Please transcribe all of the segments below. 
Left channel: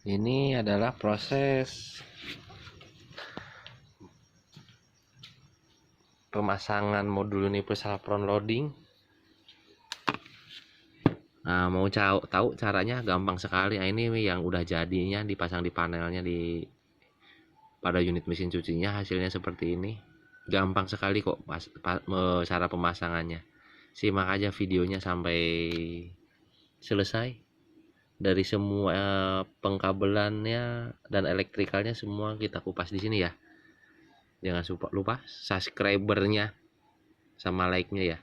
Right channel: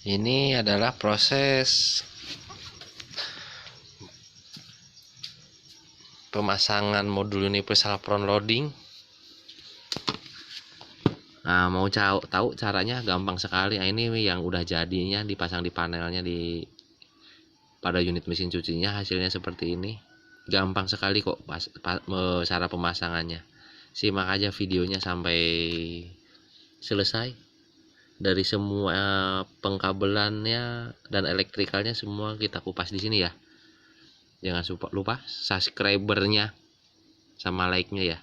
Ini adalah proses pemasangan modul universal front loading. Nah, mau tahu caranya gampang sekali. Nah, ini yang udah jadinya dipasang di panelnya pada unit mesin cucinya, hasilnya seperti ini. Gampang sekali kok cara pemasangannya. Simak aja videonya sampai selesai. Dari semua pengkabelannya dan elektrikalnya semua kita kupas di sini ya. Jangan lupa subscribernya sama like-nya ya.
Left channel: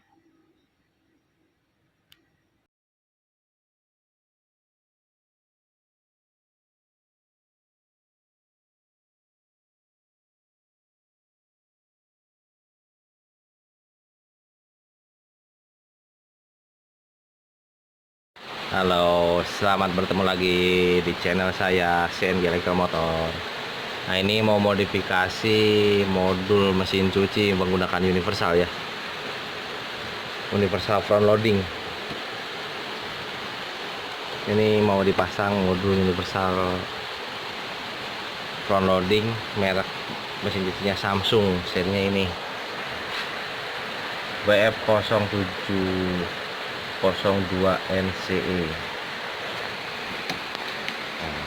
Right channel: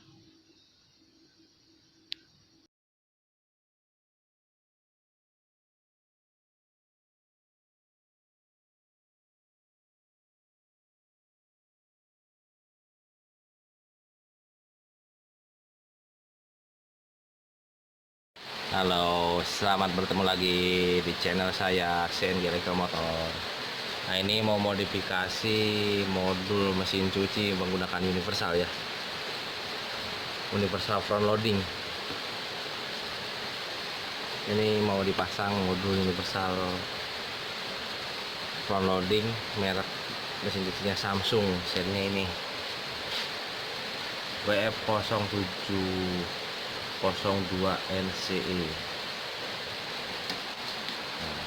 Halo, selamat bertemu lagi di channel saya, CNG Elektromotor. Nah, ini mau modifikasi modul mesin cuci menggunakan universal ya. Universal front loading. Ini mau dipasang modul universal front loading merek mesin cucinya Samsung, serinya ini WF0702 NCE. Nah,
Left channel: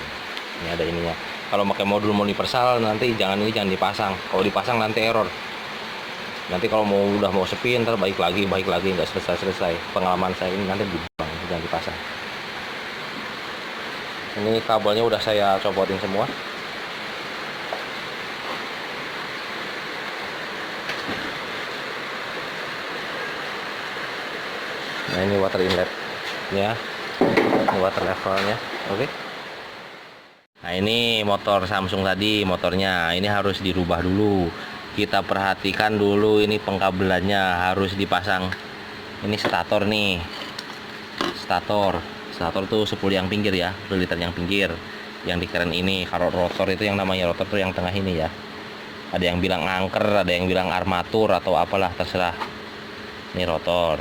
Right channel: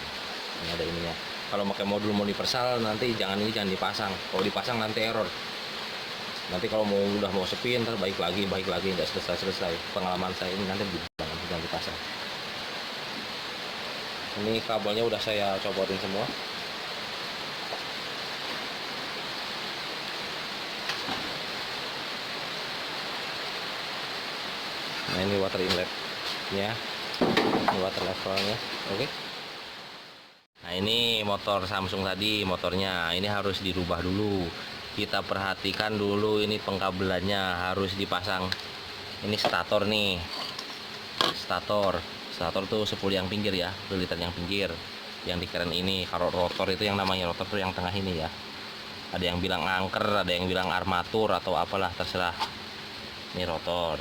ini ada ininya. Kalau pakai modul universal nanti jangan dipasang. Kalau dipasang nanti error. Nanti kalau udah mau sepi ntar baik lagi nggak selesai. Pengalaman saya ini nanti dibuang, jangan dipasang. Ini kabelnya udah saya copotin semua. Nah, ini water inletnya, ini water levelnya. Oke. Nah, ini motor Samsung tadi, motornya ini harus dirubah dulu. Kita perhatikan dulu ini pengkabelannya harus dipasang. Ini stator nih, stator tuh sepul yang pinggir ya, liter yang pinggir. Yang di keren ini, kalau rotor itu yang namanya rotor tuh yang tengah ini ya. Ada yang bilang angker, ada yang bilang armatur atau apalah, terserah. Ini rotor,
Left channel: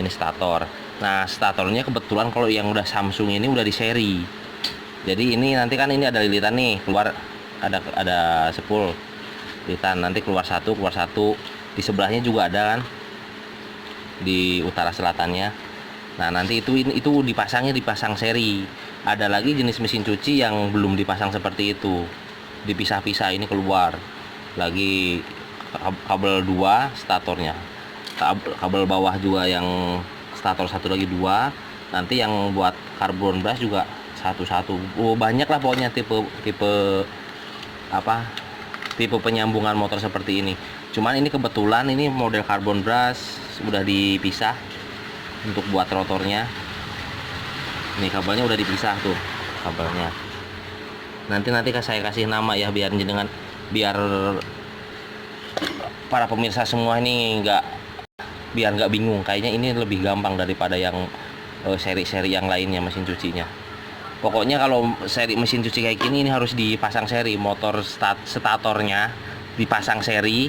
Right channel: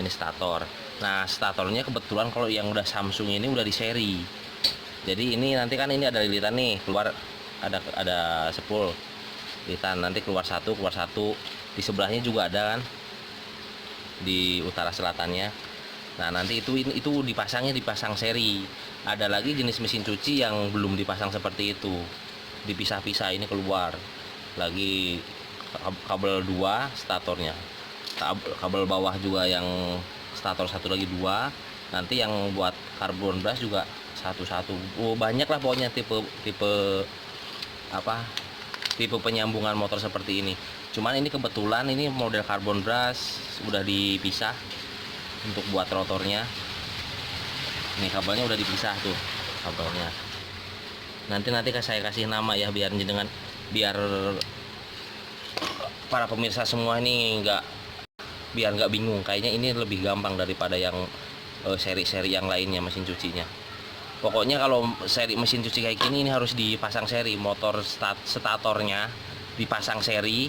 ini stator. Nah, statornya kebetulan kalau yang udah Samsung ini udah di seri. Jadi ini nanti kan ini ada lilitan nih, keluar ada sepul lilitan, nanti keluar satu di sebelahnya juga ada kan, di utara selatannya. Nah, nanti itu dipasang seri. Ada lagi jenis mesin cuci yang belum dipasang seperti itu, dipisah-pisah. Ini keluar lagi kabel 2 statornya, kabel bawah juga yang stator satu lagi 2. Nanti yang buat karbon brush juga satu-satu. Banyak lah pokoknya tipe penyambungan motor seperti ini. Cuman ini kebetulan ini model karbon brush udah dipisah untuk buat rotornya. Ini kabelnya udah dipisah tuh kabelnya. Nanti saya kasih nama ya, biar para pemirsa semua ini biar nggak bingung. Kayaknya ini lebih gampang daripada yang seri-seri yang lainnya mesin cucinya. Pokoknya kalau seri mesin cuci kayak gini ini harus dipasang seri. Motor statornya dipasang seri,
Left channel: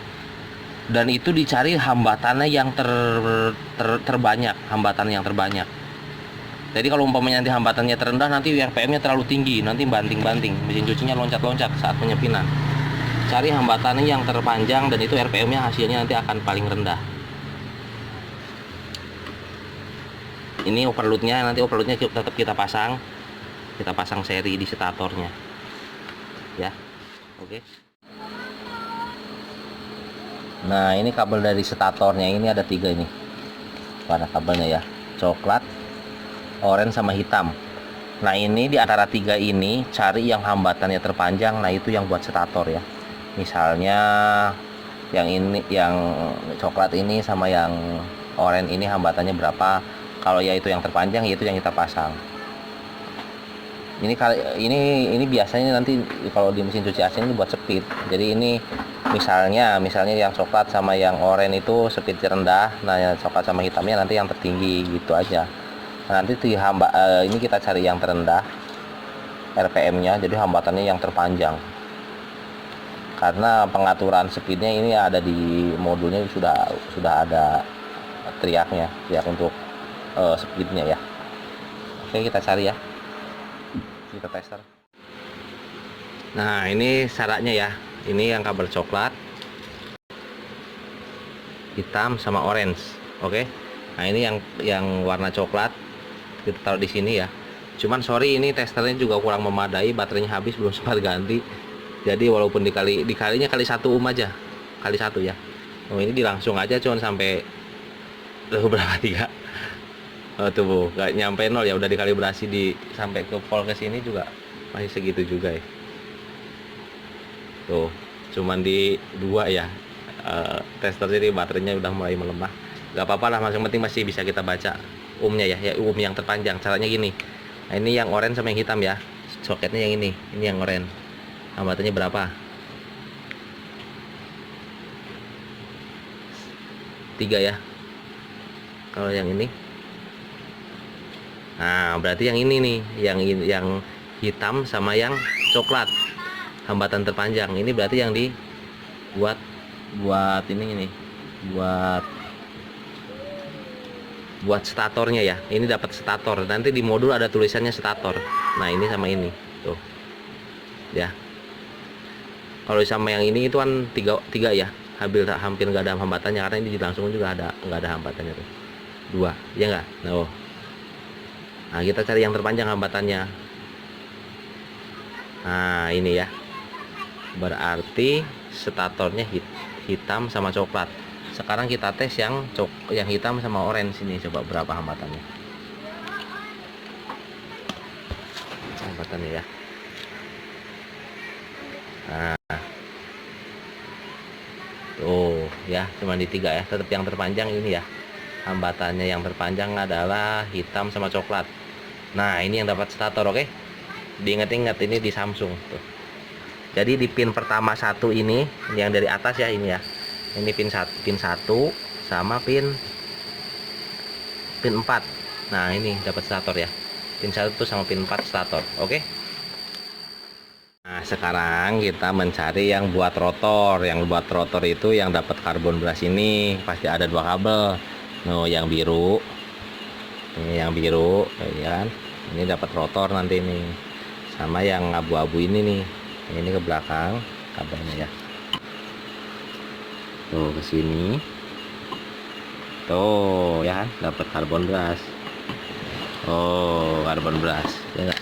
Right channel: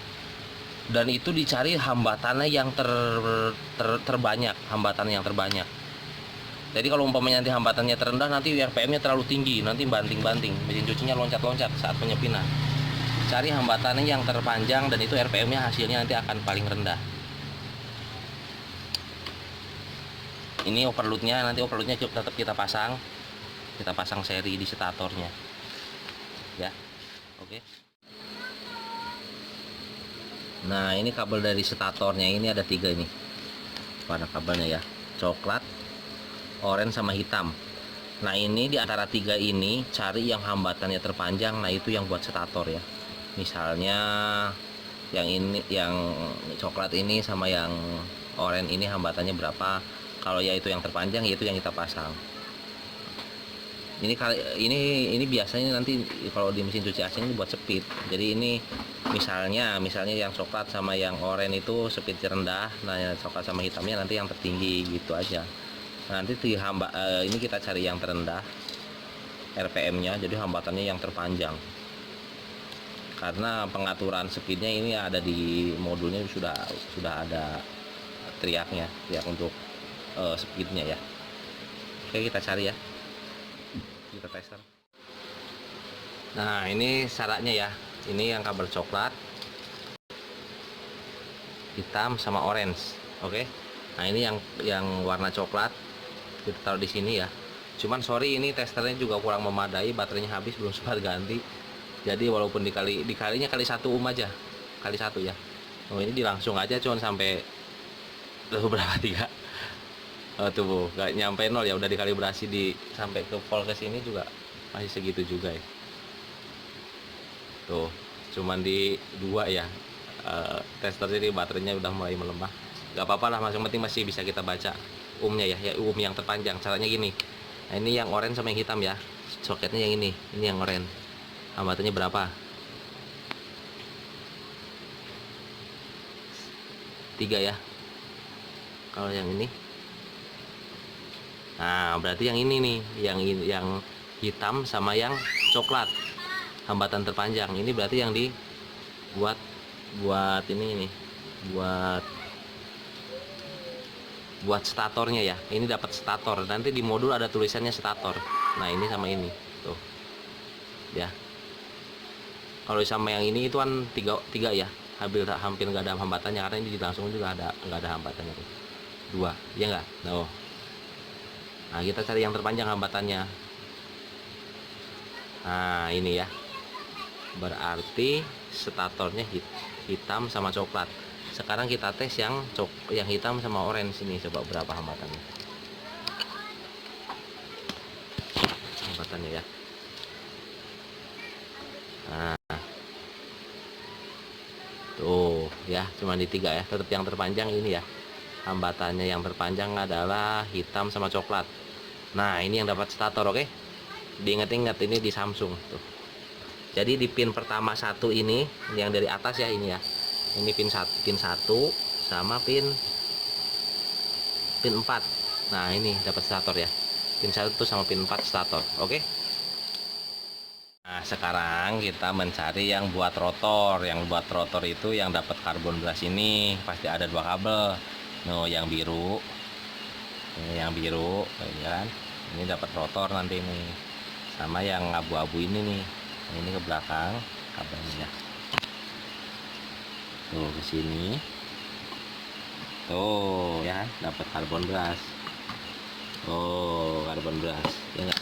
dan itu dicari hambatannya yang terbanyak, Jadi kalau umpamanya nanti hambatannya terendah, nanti RPM-nya terlalu tinggi, nanti banting-banting, mesin cucinya loncat-loncat saat penyepinan. Cari hambatannya yang terpanjang, dan itu RPM-nya hasilnya nanti akan paling rendah. Ini overloadnya tetap kita pasang seri di statornya ya. Oke. Nah, ini kabel dari statornya ini ada 3 ini warna kabelnya ya, coklat, oranye sama hitam. Nah, ini di antara 3 ini cari yang hambatannya terpanjang. Nah, itu yang buat stator ya. Misalnya yang ini, yang coklat ini sama yang oranye ini hambatannya berapa. Kalau ya itu yang terpanjang, itu yang kita pasang. Ini biasanya nanti kalau di mesin cuci asing ini buat speed. Jadi ini misalnya yang coklat sama yang oranye itu speednya rendah. Nah, yang coklat sama hitamnya nanti yang tertinggi, gitu aja. Nah, nanti ini kita cari yang terendah RPM-nya, jadi hambatannya yang terpanjang. Karena pengaturan speednya ini ada di modulnya, sudah ada teriak untuk speednya ya. Oke, kita cari ya. kita tester. Nah, ini syaratnya ya. Ini yang kabel coklat, hitam sama orange. Oke. Nah, ini yang warna coklat kita taruh di sini ya. Cuman sorry, ini testernya juga kurang memadai, baterainya habis, belum sempat ganti. Jadi walaupun dikalinya kali 1 aja. Kali 1 ya. Oh, ini dilangsung aja cuman sampai berapa, 3. Oh, tuh Bu, gak nyampe 0 ya, udah dikalibrasi sampai ke volt ke sini juga masih segitu juga ya. Tuh, cuman di 2 ya. Tester jadi baterainya udah mulai melemah. Gak apa-apa lah, yang penting masih bisa kita baca ohmnya ya, yang terpanjang. Caranya gini. Nah, ini yang oranye sama yang hitam ya. Soketnya yang ini yang oranye. Hambatannya berapa? 3 ya. Kalau yang ini, nah berarti yang ini nih, yang hitam sama yang coklat, hambatan terpanjang. Ini berarti yang dibuat ini nih, buat statornya ya. Ini dapat stator. Nanti di modul ada tulisannya stator. Nah, ini sama ini tuh ya. Kalau sama yang ini itu kan 3 ya, hampir nggak ada hambatannya, karena ini langsung juga nggak ada hambatannya tuh. 2 ya nggak. Nah, kita cari yang terpanjang hambatannya. Nah, ini ya, berarti statornya hitam sama coklat. Sekarang kita tes yang hitam sama orange ini, coba berapa hambatannya. Hambatannya ya. Nah, tuh ya, cuma di 3 ya. Tetap yang terpanjang ini ya. Hambatannya yang terpanjang adalah hitam sama coklat. Nah, ini yang dapat stator, oke? Diingat-ingat, ini di Samsung tuh. Jadi di pin pertama 1 ini, yang dari atas ya, ini ya. Ini pin 1 sama pin 4. Nah, ini dapat stator ya. Pin 1 sama pin 4 stator, oke? Nah, sekarang kita mencari yang buat rotor. Yang buat rotor itu yang dapat karbon brush ini pasti ada 2 kabel. No, yang biru. Ini yang biru, ya kan? Ini dapat rotor nanti nih. Sama yang abu-abu ini nih. Ini ke belakang kabelnya ya. Tuh ke sini. Tuh ya, dapat karbon brush. Oh, karbon brush. Ya enggak?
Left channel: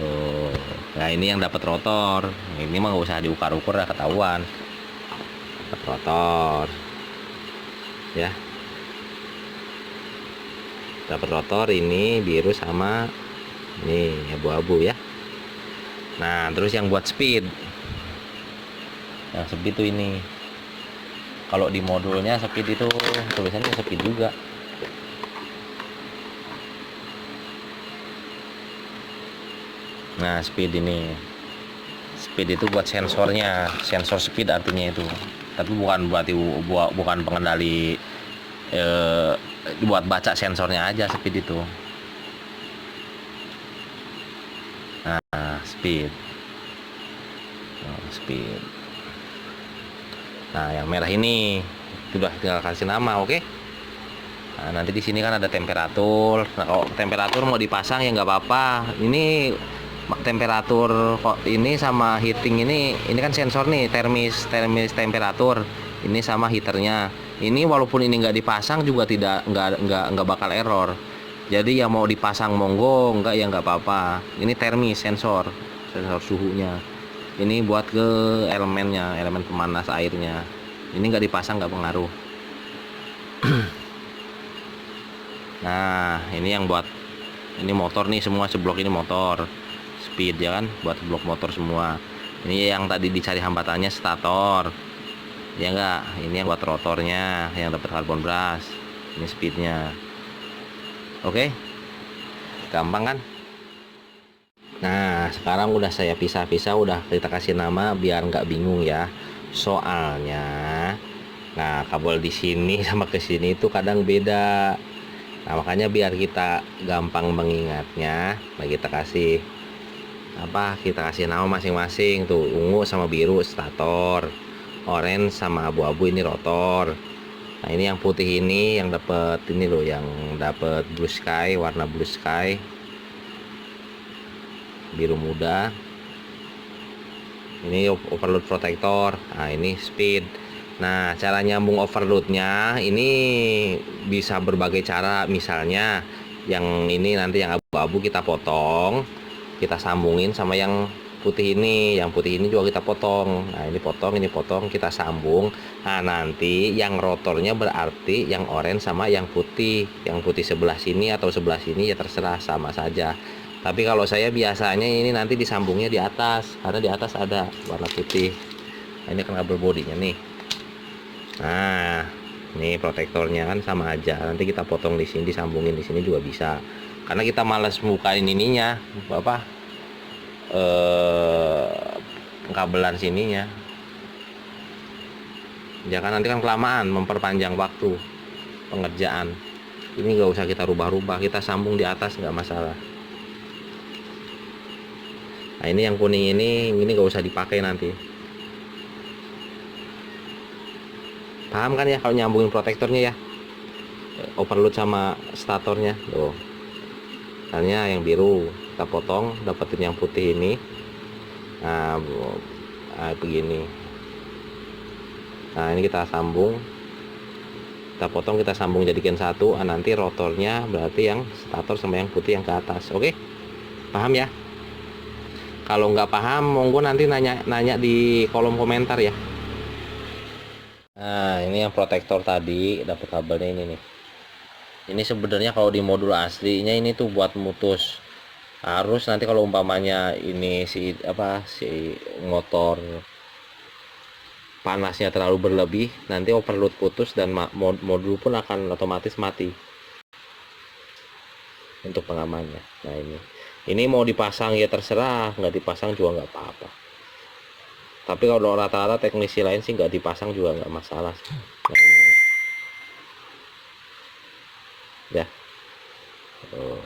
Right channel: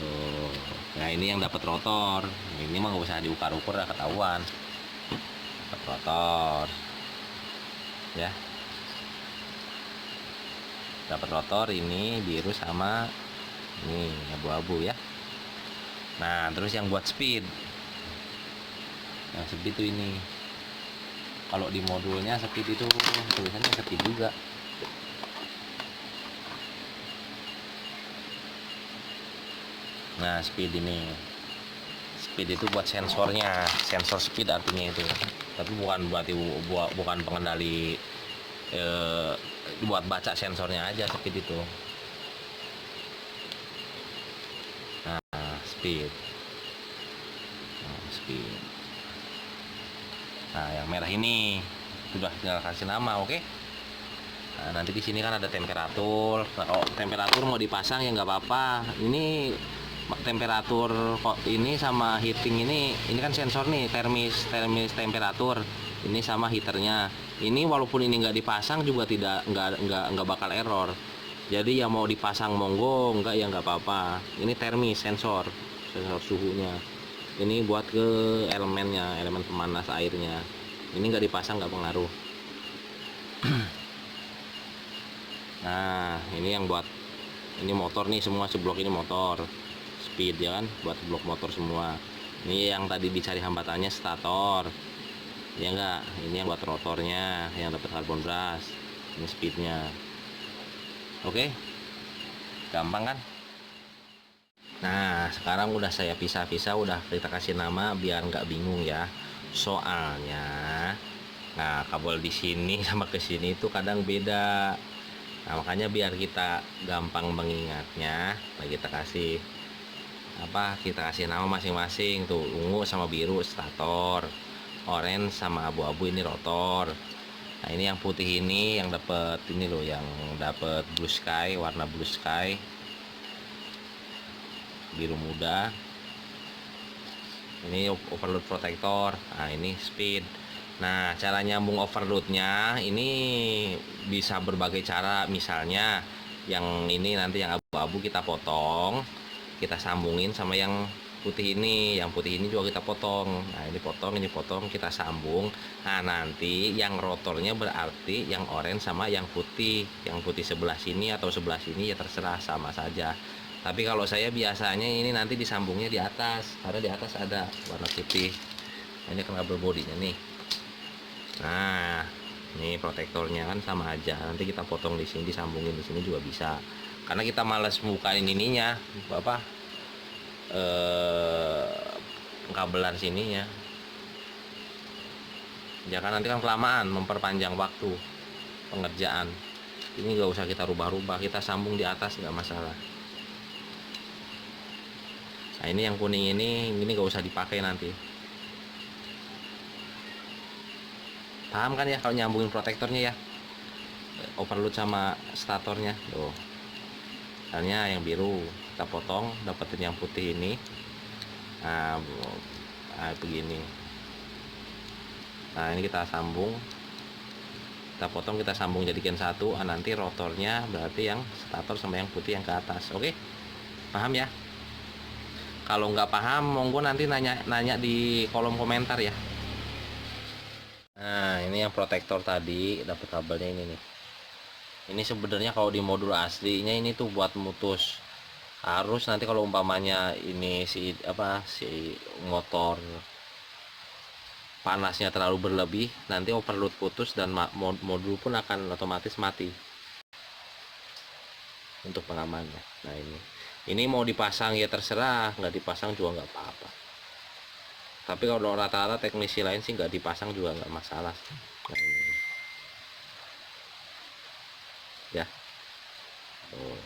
Tuh. Nah, ini yang dapat rotor. Ini mah nggak usah diukar-ukur ya, ketahuan. Dapat rotor. Ya. Dapat rotor ini biru sama ini abu-abu ya. Nah, terus yang buat speed. Yang speed itu ini. Kalau di modulnya speed itu tulisannya speed juga. Nah, speed ini. Speed itu buat sensornya, sensor speed artinya itu. Tapi bukan pengendali, buat baca sensornya aja speed itu. Nah, speed. Speed. Nah, yang merah ini sudah tinggal kasih nama, oke? Nah, nanti di sini kan ada temperatur. Nah, kalau temperatur mau dipasang ya nggak apa-apa. Ini temperatur kok ini sama heating ini kan sensor nih, termis temperatur. Ini sama heaternya. Ini walaupun ini nggak dipasang juga nggak bakal error. Jadi ya mau dipasang monggo, nggak ya nggak apa-apa. Ini termis sensor suhunya. Ini buat ke elemennya, elemen pemanas airnya. Ini nggak dipasang nggak pengaruh. Nah, ini yang buat ini motor nih, semua seblok ini motor speed ya kan, buat blok motor semua. Ini yang tadi dicari hambatannya stator ya enggak. Ini yang buat rotornya yang dapat karbon brush. Ini speednya, oke, gampang kan. Nah, sekarang udah saya pisah-pisah, udah kita kasih nama biar nggak bingung ya. Soalnya, nah kabel di sini sama ke sini itu kadang beda. Nah, makanya biar kita gampang mengingatnya, nah kita kasih nama masing-masing tuh. Ungu sama biru stator, orange sama abu-abu ini rotor. Nah, ini yang putih ini yang dapat ini loh, yang dapat blue sky, warna blue sky. biru muda. Ini overload protector. Nah, ini speed. Nah, cara nyambung overloadnya ini bisa berbagai cara. Misalnya yang ini nanti yang abu-abu kita potong, kita sambungin sama yang putih ini. Yang putih ini juga kita potong. Nah, ini potong, kita sambung. Nah, nanti yang rotornya berarti yang oranye sama yang putih. Yang putih sebelah sini atau sebelah sini ya terserah, sama saja. Tapi kalau saya biasanya ini nanti disambungnya di atas, karena di atas ada warna putih. Nah, ini kan kabel bodinya nih. Nah, ini protektornya kan sama aja. Nanti kita potong di sini, disambungin di sini juga bisa. Karena kita malas bukain ininya, apa? Kabelan sininya. Jangan nanti kan kelamaan, memperpanjang waktu pengerjaan. Ini nggak usah kita rubah-rubah, kita sambung di atas nggak masalah. Nah, ini yang kuning ini nggak usah dipakai nanti. Paham kan ya kalau nyambungin protektornya ya? Overload sama statornya. Tuh. Misalnya yang biru kita potong, dapetin yang putih ini. Nah, begini. Nah, ini kita sambung. Kita potong, kita sambung jadikan satu. Nah, nanti rotornya berarti yang stator sama yang putih yang ke atas. Oke? Paham ya? Kalau nggak paham, monggo nanti nanya di kolom komentar ya. Nah, ini yang protektor tadi, dapat kabelnya ini nih. Ini sebenarnya kalau di modul aslinya ini tuh buat mutus arus. Nanti kalau umpamanya ini si motor panasnya terlalu berlebih, nanti overload putus dan modul pun akan otomatis mati. Untuk pengamannya. Nah, ini mau dipasang ya terserah, nggak dipasang juga nggak apa-apa. Tapi kalau rata-rata teknisi lain sih nggak dipasang juga nggak masalah. Nah, ini. Ya. Oh.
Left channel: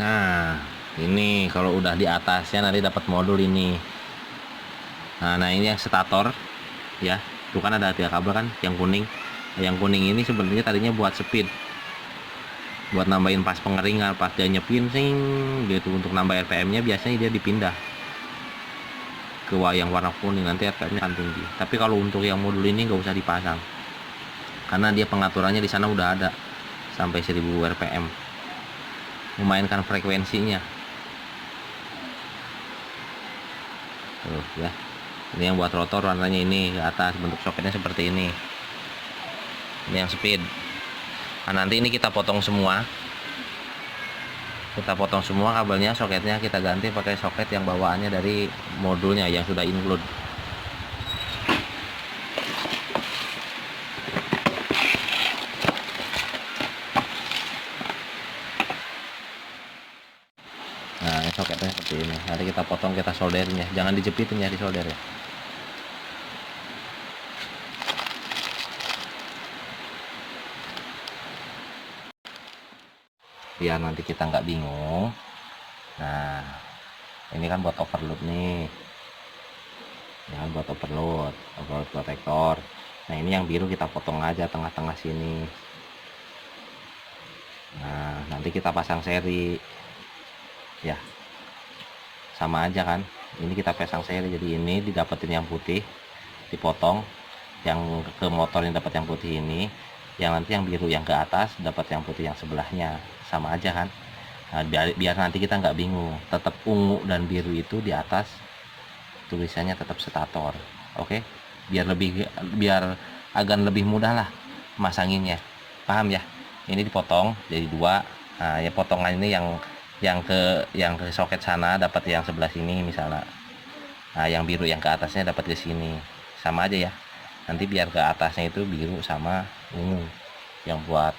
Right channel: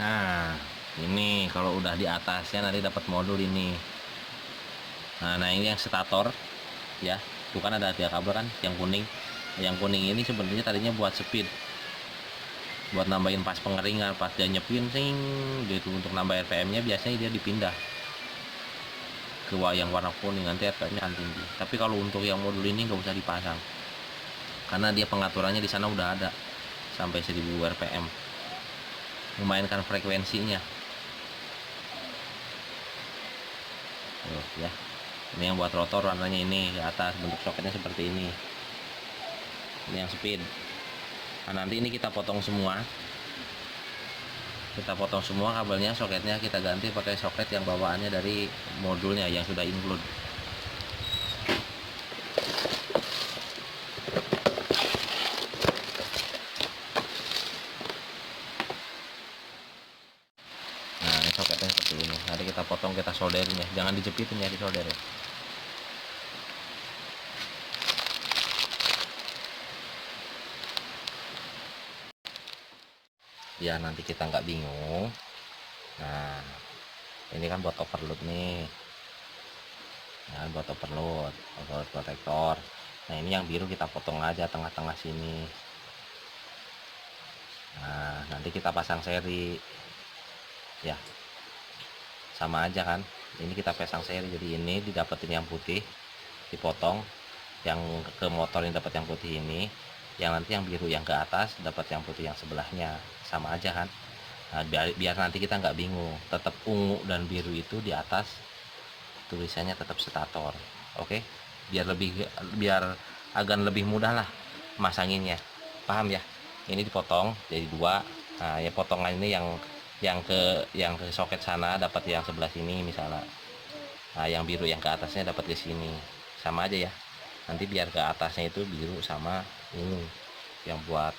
Nah, ini kalau udah di atasnya nanti dapat modul ini. Nah, ini yang stator ya. Itu kan ada 3 kabel kan, yang kuning. Yang kuning ini sebenarnya tadinya buat speed. Buat nambahin pas pengeringan, pas dia nyepin sing gitu, untuk nambah RPM-nya biasanya dia dipindah ke yang warna kuning, nanti RPM-nya akan tinggi. Tapi kalau untuk yang modul ini nggak usah dipasang. Karena dia pengaturannya di sana udah ada sampai 1000 RPM. Memainkan frekuensinya. Tuh ya. Ini yang buat rotor warnanya ini ke atas, bentuk soketnya seperti ini. Ini yang speed. Nah, nanti ini kita potong semua. Kita potong semua kabelnya, soketnya kita ganti pakai soket yang bawaannya dari modulnya yang sudah include. Nah, ini soketnya seperti ini. Nanti kita potong, kita solderin ya. Jangan dijepitin ya, disolder ya. Biar nanti kita nggak bingung. Nah, ini kan buat overload nih. Ya, buat overload protektor. Nah, ini yang biru kita potong aja tengah-tengah sini. Nah, nanti kita pasang seri. Ya, sama aja kan. Ini kita pasang seri, jadi ini didapetin yang putih, dipotong. Yang ke motor ini dapat yang putih ini. Yang nanti yang biru yang ke atas dapat yang putih yang sebelahnya, sama aja kan. Nah, biar nanti kita nggak bingung, tetap ungu dan biru itu di atas tulisannya tetap stator. Oke, biar agak lebih mudah lah masanginnya, paham ya. Ini dipotong jadi 2. Nah, ya potongan ini yang ke soket sana dapat yang sebelah sini misalnya. Nah, yang biru yang ke atasnya dapat ke sini, sama aja ya. Nanti biar ke atasnya itu biru sama ungu yang buat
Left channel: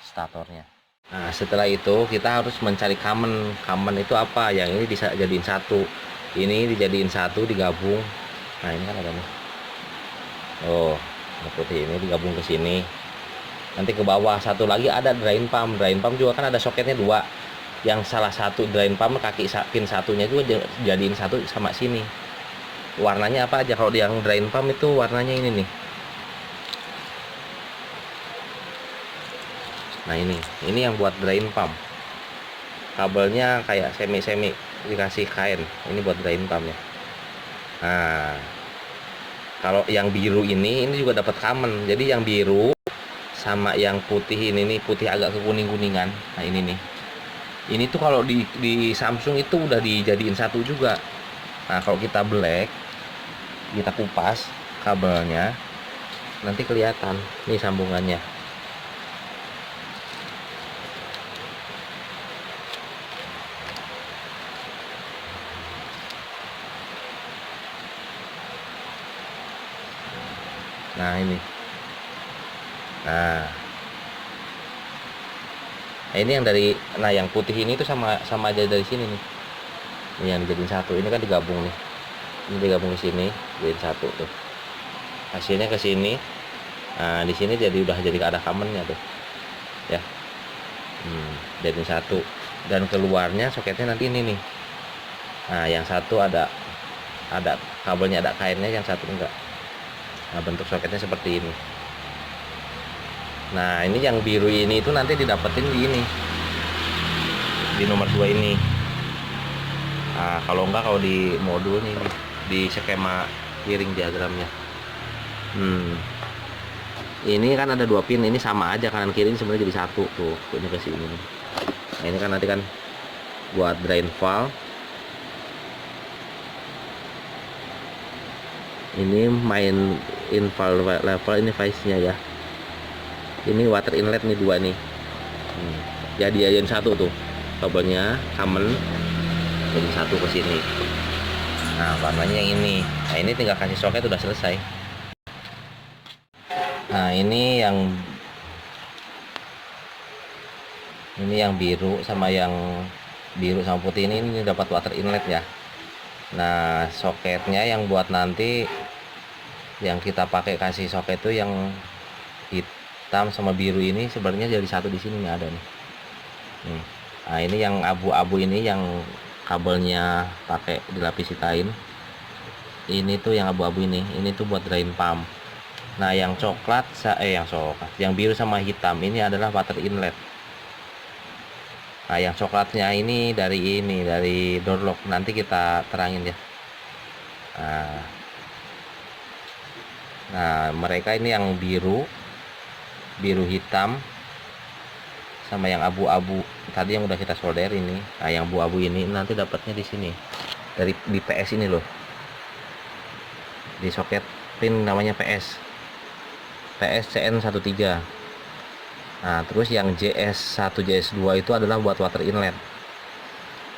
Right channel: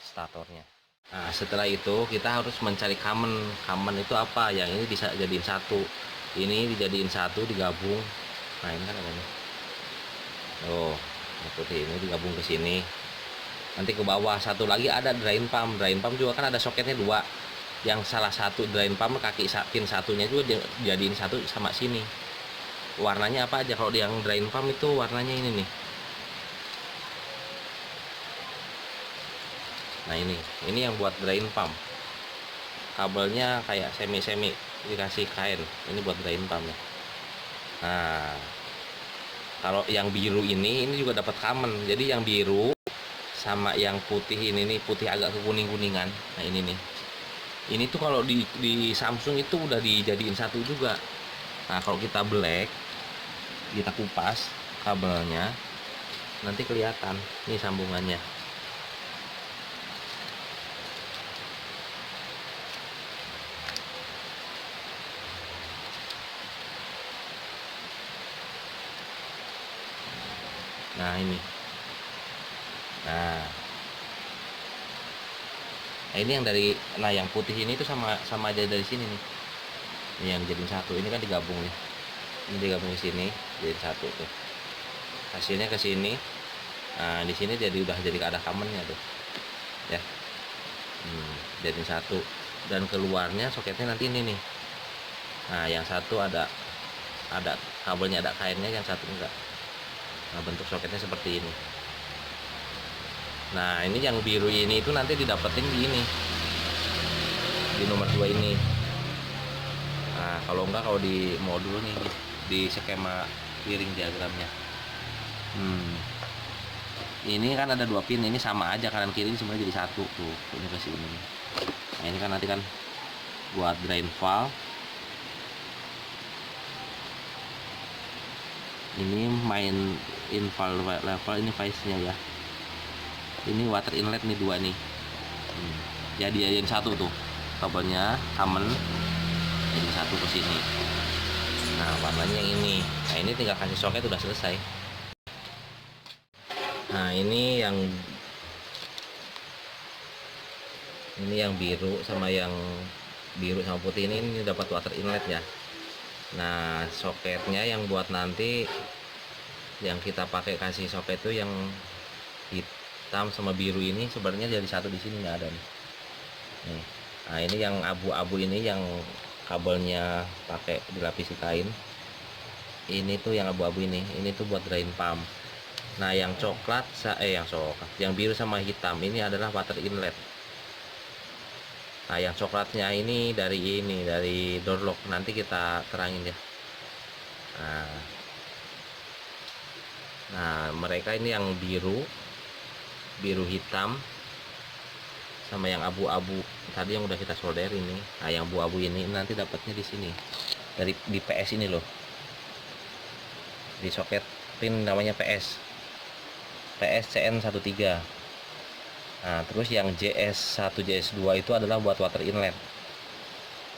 statornya. Nah, setelah itu kita harus mencari common. Common itu apa? Yang ini bisa jadiin satu, ini dijadiin satu, digabung. Nah, ini kan ada nih. Oh, putih ini digabung ke sini. Nanti ke bawah satu lagi ada drain pump. Drain pump juga kan ada soketnya 2. Yang salah satu drain pump kaki pin satunya juga jadiin satu sama sini. warnanya apa aja. Kalau yang drain pump itu warnanya ini nih. Nah ini yang buat drain pump. Kabelnya kayak semi dikasih kain. Ini buat drain pump ya. Nah, kalau yang biru ini juga dapat common. Jadi yang biru sama yang putih ini nih, putih agak ke kuning-kuningan. Nah ini nih. Ini tuh kalau di Samsung itu udah dijadiin satu juga. Nah kalau kita black, kita kupas kabelnya, nanti kelihatan nih sambungannya. Nah ini. Nah ini yang dari, nah yang putih ini tuh sama aja dari sini nih. Ini yang dijadiin satu. Ini kan digabung nih. Ini digabung di sini, jadiin satu tuh. Hasilnya ke sini. Nah di sini udah jadi ada kamennya tuh. Ya. Jadiin satu. Dan keluarnya soketnya nanti ini nih. Nah yang satu ada kabelnya, ada kainnya, yang satu enggak. Nah bentuk soketnya seperti ini. Nah ini yang biru ini itu nanti didapetin di ini, di nomor 2 ini. Nah kalau enggak, kalau di modul nih, di skema wiring diagramnya, ini kan ada 2 pin, ini sama aja kanan kiri, ini sebenarnya jadi satu tuh, ini ke sini nih. Nah ini kan nanti kan buat drain valve. Ini main in valve level, ini vice nya ya. Ini water inlet nih 2 nih. Jadi satu tuh kabelnya common, jadi satu ke sini. Nah warnanya yang ini. Nah ini tinggal kasih soket udah selesai. Nah ini yang biru sama putih ini dapat water inlet ya. Nah soketnya yang buat nanti yang kita pakai kasih soket itu yang hitam sama biru ini sebenarnya jadi satu di sini nih, ada nih. Nah ini yang abu-abu ini yang kabelnya pakai dilapisi kain. Ini tuh yang abu-abu ini tuh buat drain pump. Nah yang coklat, yang biru sama hitam ini adalah water inlet. Nah yang coklatnya ini dari door lock, nanti kita terangin ya. Nah mereka ini yang biru hitam sama yang abu-abu tadi yang udah kita solder ini. Nah yang abu-abu ini nanti dapatnya di sini, di PS ini loh, di soket pin namanya PS CN13. Nah terus yang JS1 JS2 itu adalah buat water inlet.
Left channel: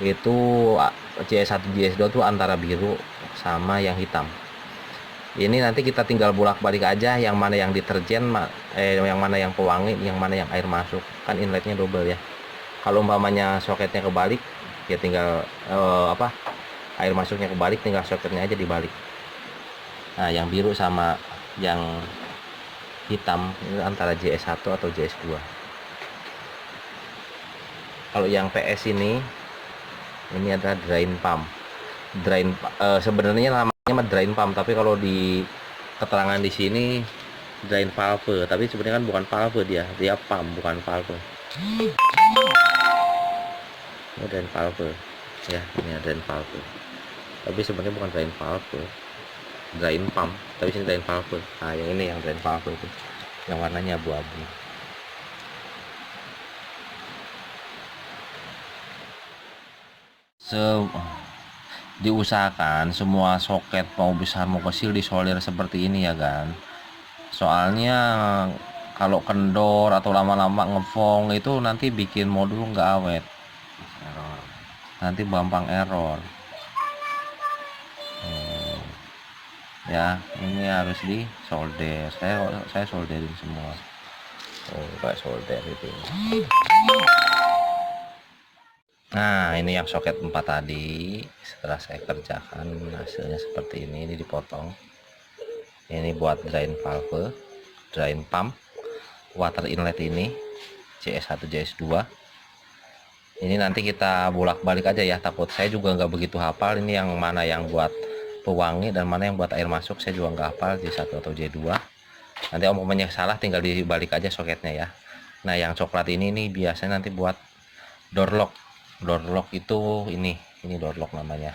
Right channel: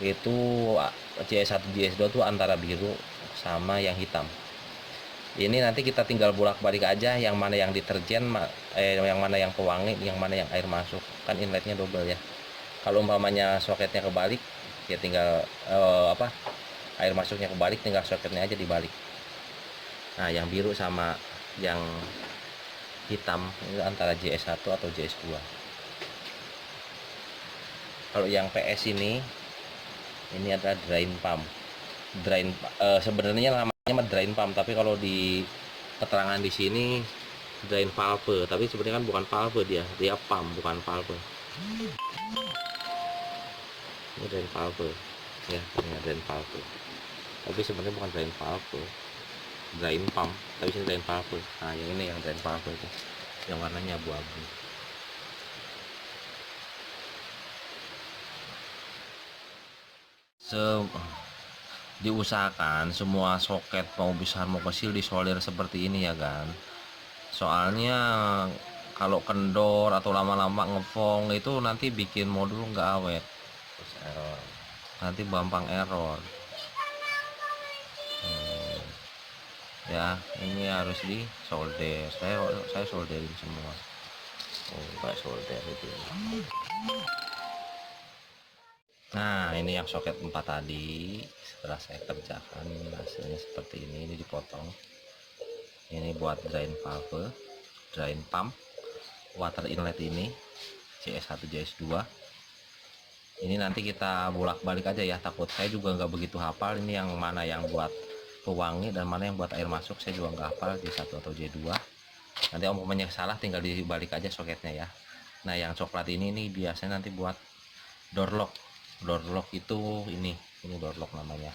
Itu JS1 JS2 itu antara biru sama yang hitam. Ini nanti kita tinggal bolak-balik aja yang mana yang deterjen, yang mana yang pewangi, yang mana yang air masuk. Kan inletnya double ya. Kalau umpamanya soketnya kebalik, ya tinggal air masuknya kebalik, tinggal soketnya aja dibalik. Nah yang biru sama yang hitam itu antara JS1 atau JS2. Kalau yang PS ini adalah drain pump. Sebenarnya namanya drain pump, tapi kalau di keterangan di sini drain valve, tapi sebenarnya kan bukan valve, dia pump, bukan valve. Ini drain valve ya, ini drain valve, tapi sebenarnya bukan drain valve, drain pump, tapi sini drain valve. Nah yang ini yang drain valve itu yang warnanya abu-abu. Diusahakan semua soket mau besar mau kecil disolder seperti ini ya kan. Soalnya kalau kendor atau lama-lama ngefong itu nanti bikin modul nggak awet, nanti gampang error. Ya ini harus disolder. Saya solderin semua. Kayak solder itu. Nah ini yang soket 4 tadi setelah saya kerjakan hasilnya seperti ini dipotong. Ini buat drain valve, drain pump, water inlet ini JS1 JS2. Ini nanti kita bolak-balik aja ya, takut saya juga nggak begitu hafal ini yang mana yang buat pewangi dan mana yang buat air masuk saya juga nggak hafal, J1 atau J2. Nanti om umpamanya salah tinggal dibalik aja soketnya ya. Nah yang coklat ini nih biasanya nanti buat door lock. Door lock itu ini door lock namanya.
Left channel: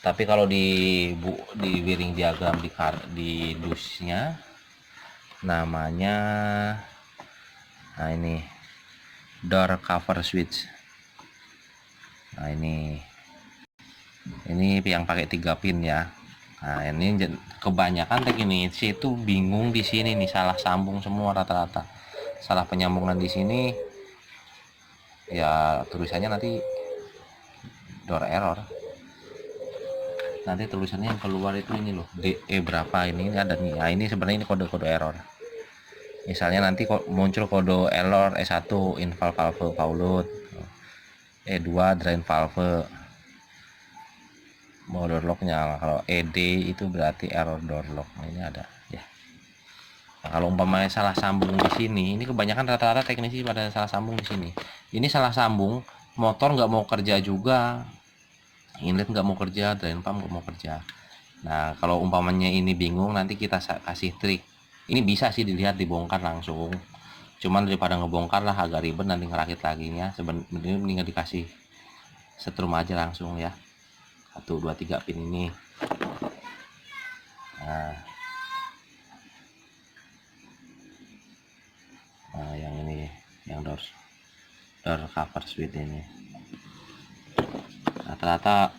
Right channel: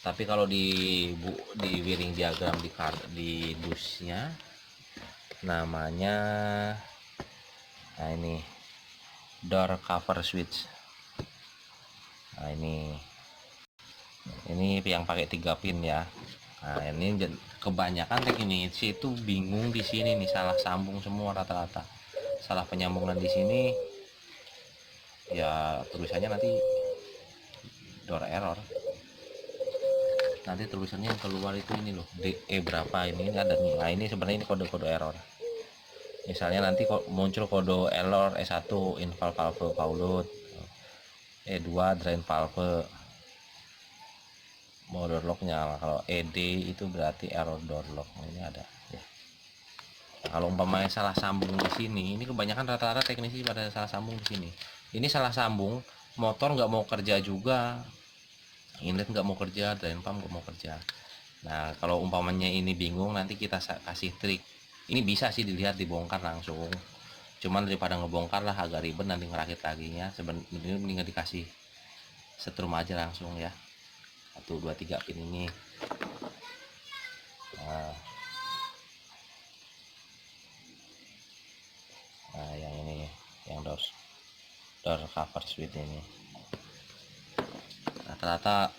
Tapi kalau di wiring diagram di dusnya namanya, nah ini door cover switch. Nah ini yang pakai 3 pin ya. Nah ini kebanyakan teknisi itu bingung di sini nih, salah sambung semua rata-rata, salah penyambungan di sini ya, tulisannya nanti door error. Nanti tulisannya yang keluar itu ini loh, DE berapa ini ada nih. Nah ini sebenarnya ini kode-kode error. Misalnya nanti muncul kode error E1 invalve valve paulut, E2 drain valve mau door locknya. Kalau ED itu berarti error door lock. Nah, ini ada ya. Nah, kalau umpamanya salah sambung di sini, ini kebanyakan rata-rata teknisi pada salah sambung di sini. Ini salah sambung, motor nggak mau kerja juga, inlet nggak mau kerja, drain pump nggak mau kerja. Nah kalau umpamanya ini bingung, nanti kita kasih trik. Ini bisa sih dilihat dibongkar langsung, cuman daripada ngebongkar lah agak ribet nanti ngerakit laginya, sebenarnya mendingan dikasih setrum aja langsung ya. 1 2 3 pin ini. Nah yang ini yang door cover switch ini rata-rata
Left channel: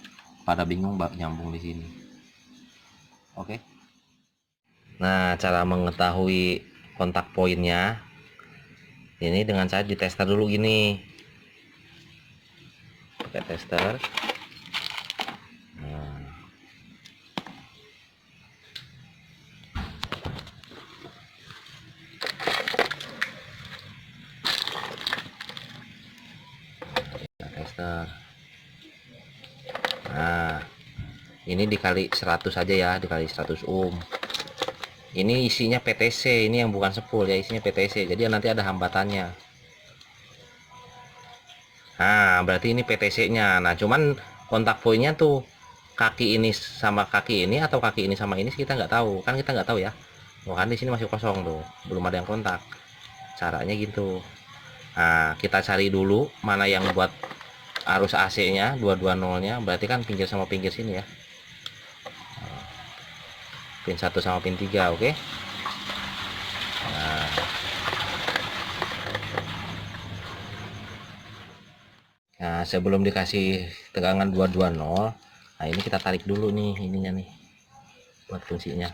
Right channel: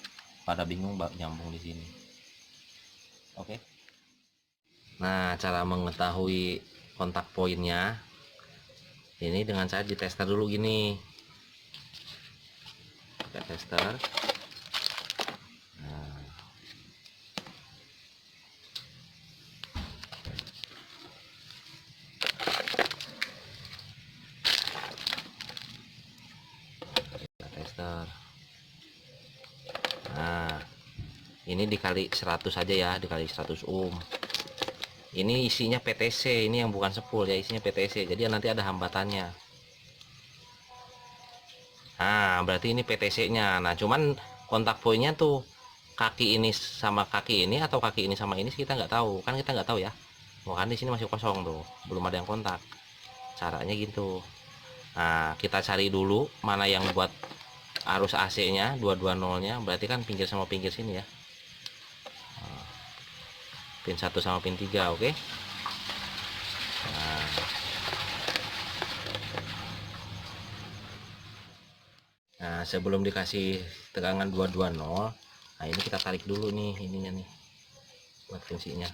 pada bingung nyambung di sini. Oke. Nah cara mengetahui kontak poinnya ini dengan cara ditester dulu gini, pakai tester. Nah ini dikali 100 aja ya, dikali 100 ohm. Ini isinya PTC, ini yang bukan sepul ya, isinya PTC, jadi nanti ada hambatannya. Nah berarti ini PTC nya. Nah cuman kontak poinnya tuh kaki ini sama kaki ini atau kaki ini sama ini kita nggak tahu kan, kita nggak tahu ya. Kan di sini masih kosong tuh, belum ada yang kontak. Caranya gitu. Nah kita cari dulu mana yang buat arus AC nya 220 nya, berarti kan pinggir sama pinggir sini ya, pin 1 sama pin 3. Oke. Nah sebelum dikasih tegangan 220, nah ini kita tarik dulu nih ininya nih buat fungsinya.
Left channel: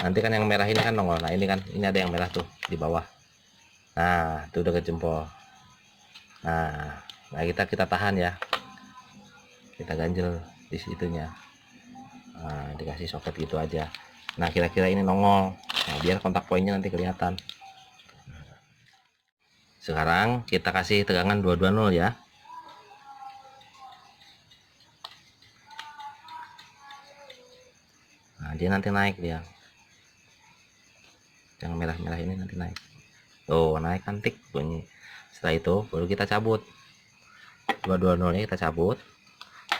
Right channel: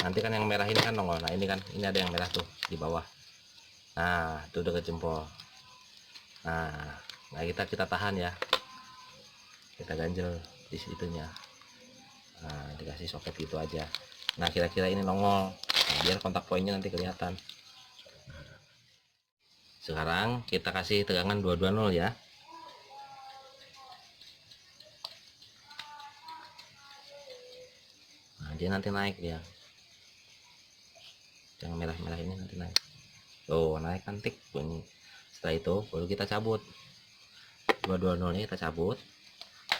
Nanti kan yang merah ini kan nongol. Nah ini kan, ini ada yang merah tuh di bawah. Nah itu udah ke jempol. Nah kita tahan ya, kita ganjel di situnya. Nah dikasih soket gitu aja. Nah kira-kira ini nongol. Nah, biar kontak poinnya nanti kelihatan. Sekarang kita kasih tegangan 220 ya. Nah dia nanti naik dia, yang merah-merah ini nanti naik. Oh naik kan, tik bunyi. Setelah itu baru kita cabut 220 nya, kita cabut,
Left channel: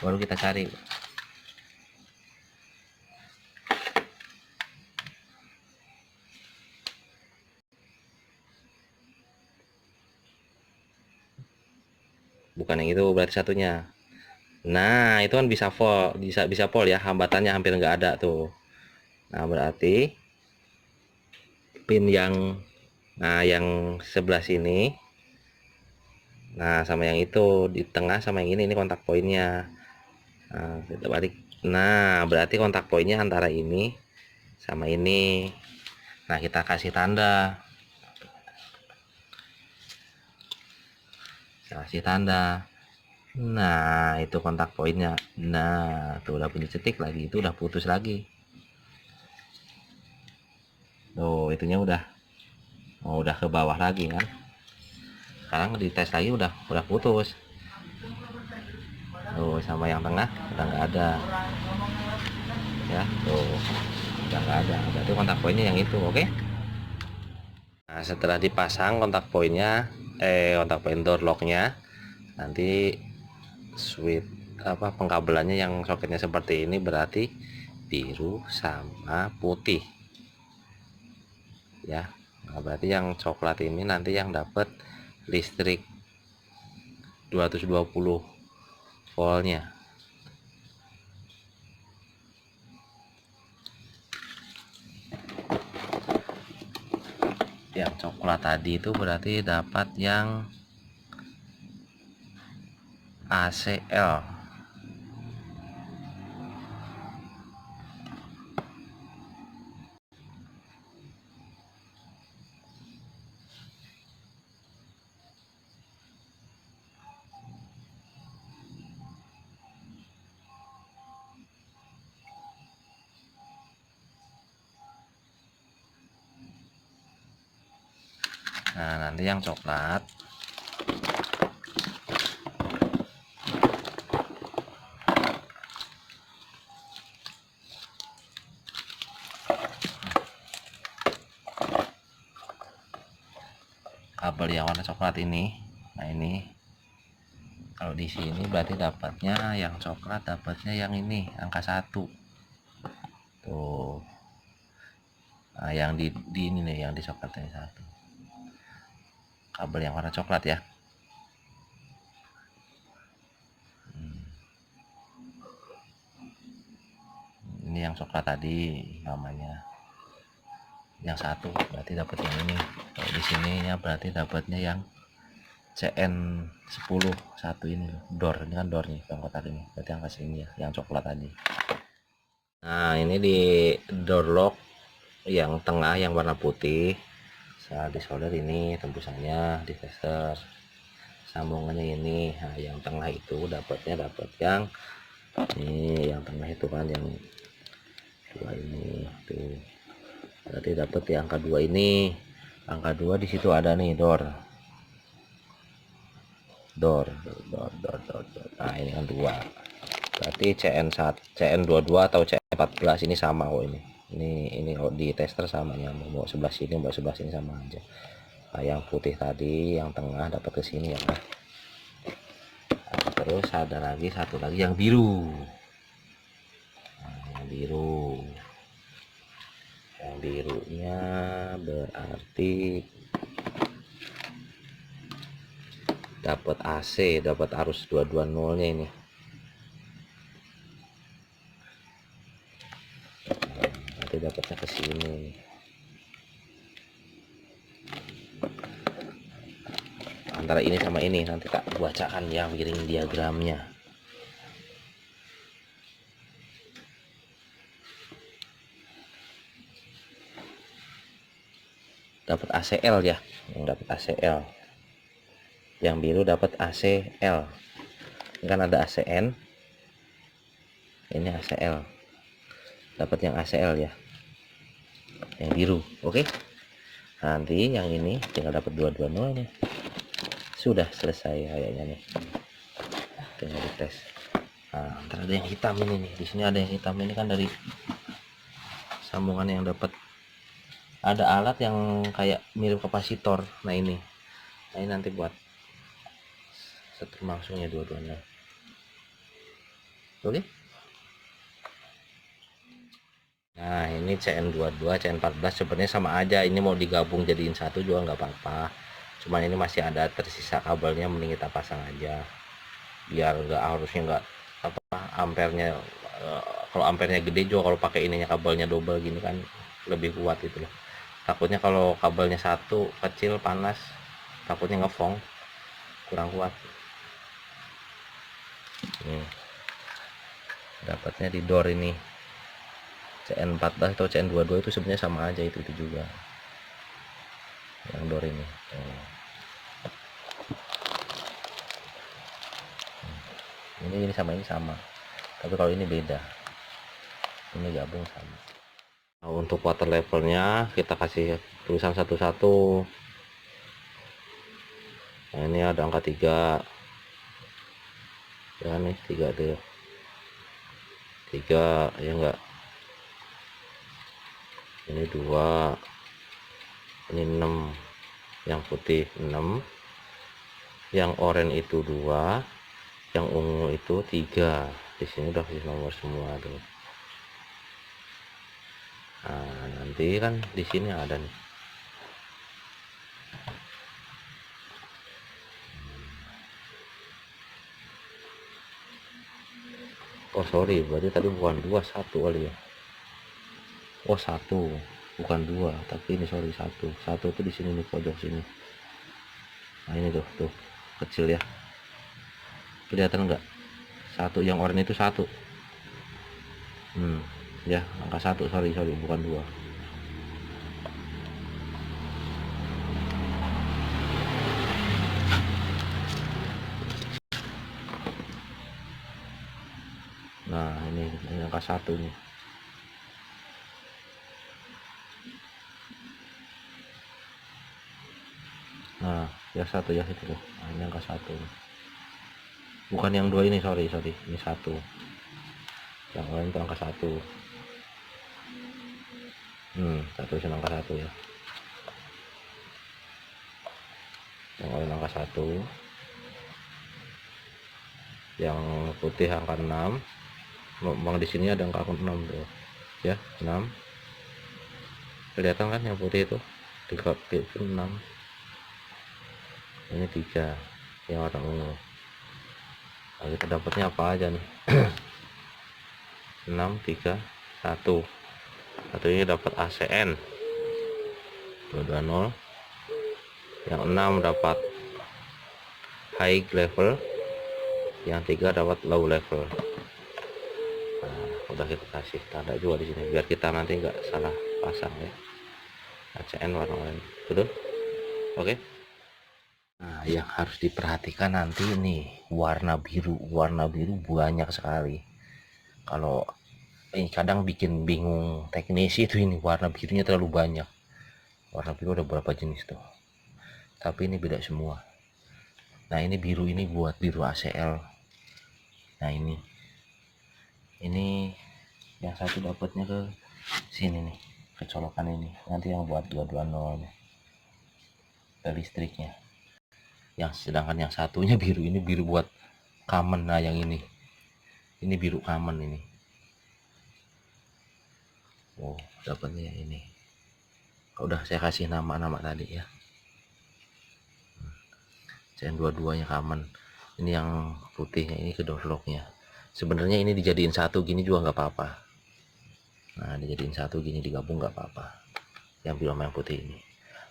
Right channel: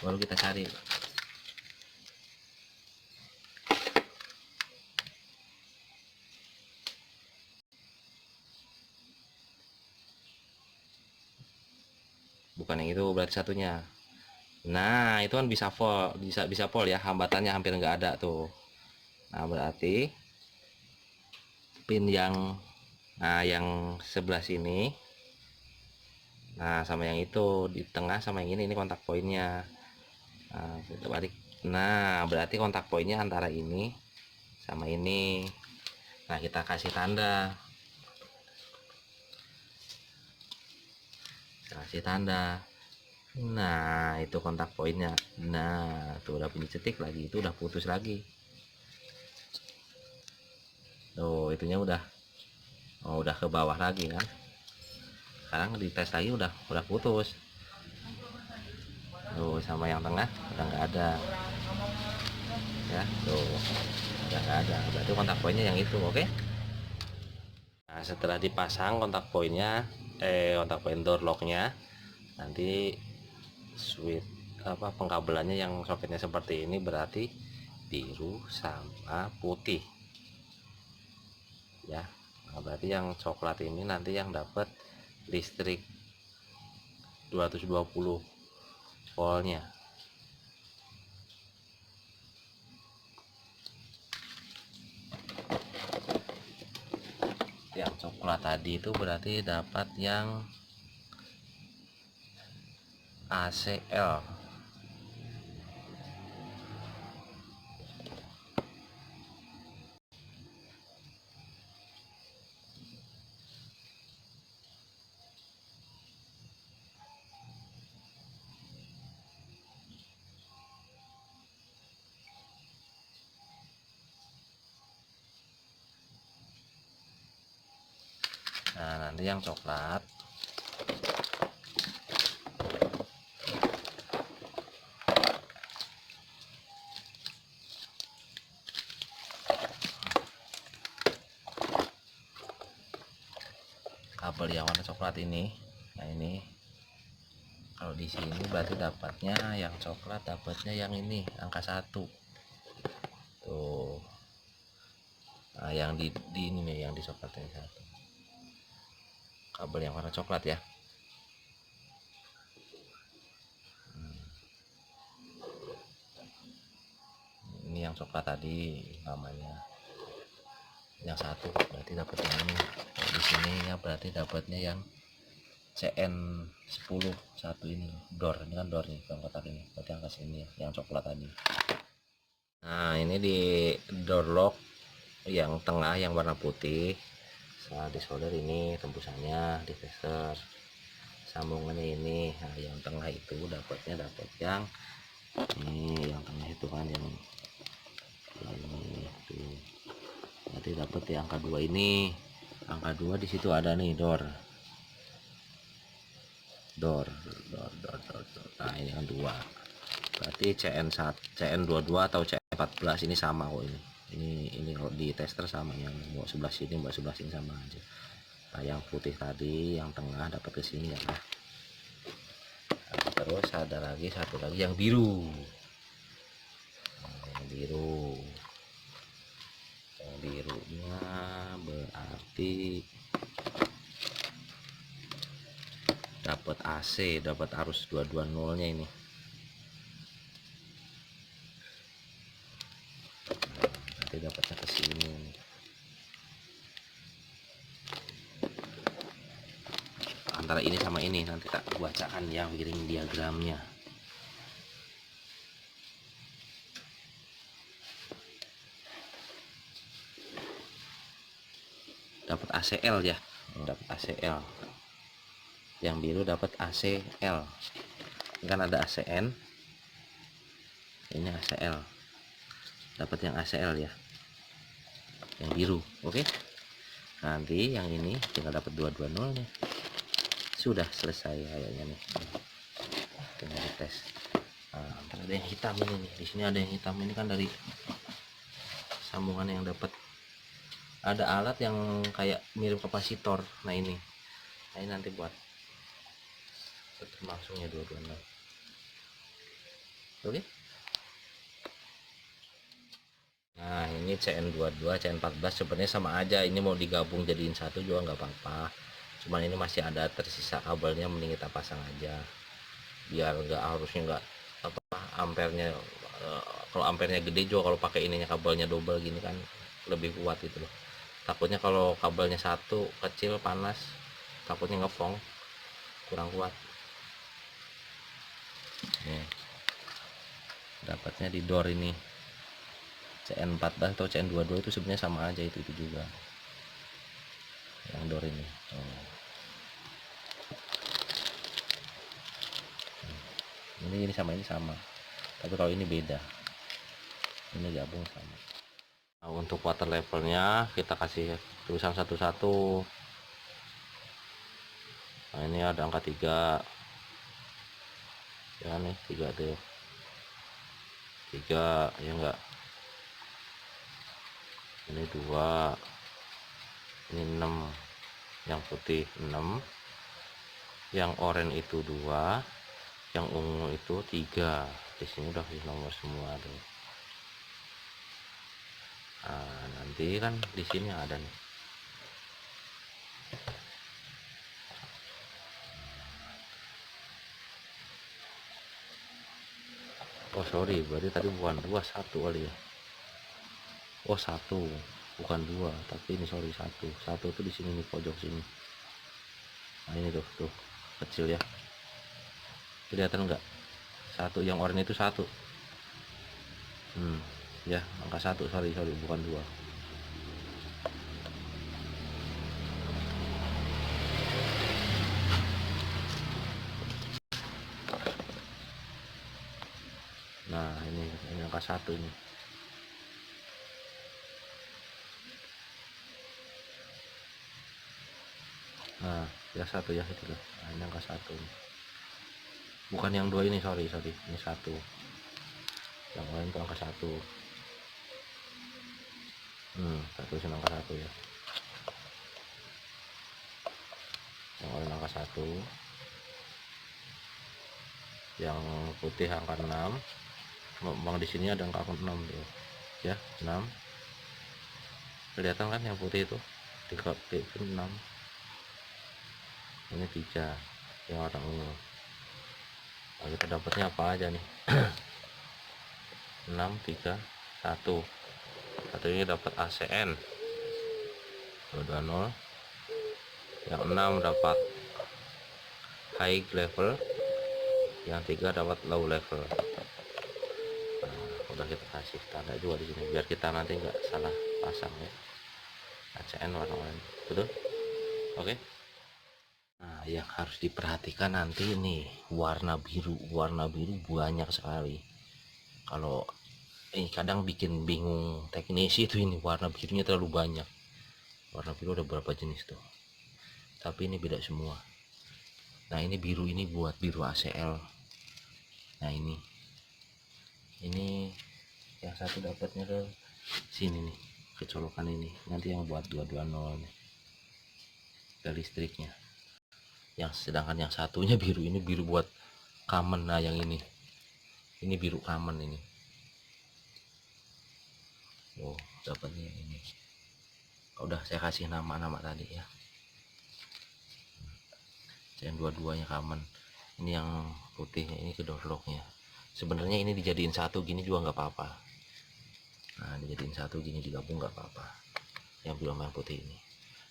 baru kita cari. Bukan yang itu berarti satunya. Nah itu kan bisa full, bisa full ya, hambatannya hampir nggak ada tuh. Nah berarti pin yang yang sebelah sini, nah sama yang itu di tengah sama yang ini kontak poinnya. Nah kita balik. Nah berarti kontak poinnya antara ini sama ini. Nah kita kasih tanda, nah itu kontak poinnya. Nah tuh udah bunyi cetik lagi, itu udah putus lagi tuh, itunya udah ke bawah lagi kan. Sekarang dites lagi udah putus tuh, sama yang tengah udah nggak ada ya, tuh udah nggak ada, berarti kontak poinnya yang itu. Oke. Nah setelah dipasang kontak poinnya, kontak poin door locknya, nanti switch pengkabelannya yang soketnya seperti ini berarti biru sama putih ya. Nah, berarti yang coklat ini nanti yang dapat listrik 220 voltnya. Yang coklat tadi itu berarti dapat yang ACL. Nah, nanti yang coklat kabel yang warna coklat ini. Nah, ini kalau di sini berarti dapatnya yang coklat, dapatnya yang ini angka 1 tuh. Nah, yang di ini nih, yang di coklatnya 1 kabel yang warna coklat ya. Ini yang coklat tadi namanya, yang 1 berarti dapat yang ini. Kalau di sini ya berarti dapatnya yang CN10 1 ini loh, door. Ini kan door nih bang kotak ini, berarti angka sini ya, yang coklat tadi. Nah, ini di door lock yang tengah yang warna putih saat disolder ini tembusannya di tester sambungannya ini. Nah, yang tengah itu dapatnya dapat yang ini, yang tengah itu kan yang 2 ini tuh, berarti dapat di angka 2 ini. Angka 2 di situ ada nih door. Nah, ini kan 2. Berarti CN1, CN22 atau CN14 ini sama kok ini. Ini kalau di tester sama, nyambung mau sebelah sini mau sebelah sini sama aja. Nah, yang putih tadi yang tengah dapat ke sini ya. Nah, terus ada lagi satu lagi yang biru. Nah, yang biru. Yang birunya berarti dapat AC, dapat arus 220 nya ini. Nanti dapatnya ke sini. Antara ini sama ini nanti tak bacakan yang wiring diagramnya. Dapat ACL ya, dapat ACL. Yang biru dapat ACL. Ini kan ada ACN, ini ACL. Dapat yang ACL ya, yang biru. Oke, nanti yang ini tinggal dapat 220 nya. Sudah selesai kayaknya nih, tinggal dites. Nah, ntar ada yang hitam ini nih, di sini ada yang hitam ini kan dari sambungan yang dapat. Ada alat yang kayak mirip kapasitor. Nah, ini nanti buat setir langsungnya 220. Oke. Nah, ini CN22 CN14 sebenarnya sama aja, ini mau digabung jadiin satu juga nggak apa-apa, cuman ini masih ada tersisa kabelnya, mending kita pasang aja biar harusnya nggak ampernya. Kalau ampernya gede juga kalau pakai ininya kabelnya double gini kan lebih kuat gitu loh. Takutnya kalau kabelnya satu kecil panas, takutnya ngefong kurang kuat. Nih dapatnya di door ini CN14 atau CN22 itu sebenarnya sama aja, itu juga yang door ini. Ini sama, ini sama, tapi kalau ini beda, ini gabung sama. Nah, untuk water levelnya kita kasih tulisan satu-satu. Nah, ini ada angka 3 ya, nih 3 tuh, 3 ya enggak, ini 2, ini 6, yang putih 6, yang oranye itu 2, yang ungu itu 3. Di sini udah kasih nomor semua tuh. Nah, nanti kan di sini ada nih. Oh sorry, berarti tadi bukan 2, 1 kali ya. Oh 1, bukan 2, tapi ini sorry 1. 1 tuh di sini nih, pojok sini. Nah ini tuh kecil ya, kelihatan nggak? 1 yang oranye itu 1. Ya angka 1, sorry bukan 2. Nah ini angka 1 nih. Nah ya 1 ya itu loh. Nah ini angka 1 nih. Bukan yang 2 ini, sorry ini 1. Yang lain itu angka 1. Satu angka 1 ya. Yang lain angka 1. Yang putih angka 6. Memang di sini ada angka 6 tuh. Ya, 6. Kelihatan kan yang putih itu? 3 itu 6. Ini 3 yang warna ungu. Nah, kita dapatnya apa aja nih? 6, 3, 1. Satu ini dapat ACN 220. Yang 6 dapat high level. Yang 3 dapat low level. Nah, udah kita kasih tanda juga di sini biar kita nanti nggak salah pasang ya. ACN warna oranye. Betul? Oke. Nah, yang harus diperhatikan nanti ini warna biru. Warna biru banyak sekali. Kalau ini kadang bikin bingung teknisi itu, ini warna birunya terlalu banyak. Warna biru ada berapa jenis tuh, tapi ini beda semua. Nah ini biru, ini buat biru ACL. Nah ini yang satu dapatnya ke sini nih, kecolokan ini. Nanti yang buat 220 nih ke listriknya. Yang sedangkan yang satunya biru, ini biru buat common. Nah yang ini biru common ini. Oh dapatnya ini. Udah saya kasih nama-nama tadi ya. Yang dua-duanya common. Ini yang putihnya ini ke doorlocknya. Sebenarnya ini dijadiin satu gini juga nggak apa-apa. Nah dijadiin satu gini digabung nggak apa-apa. Yang biru sama yang putih ini.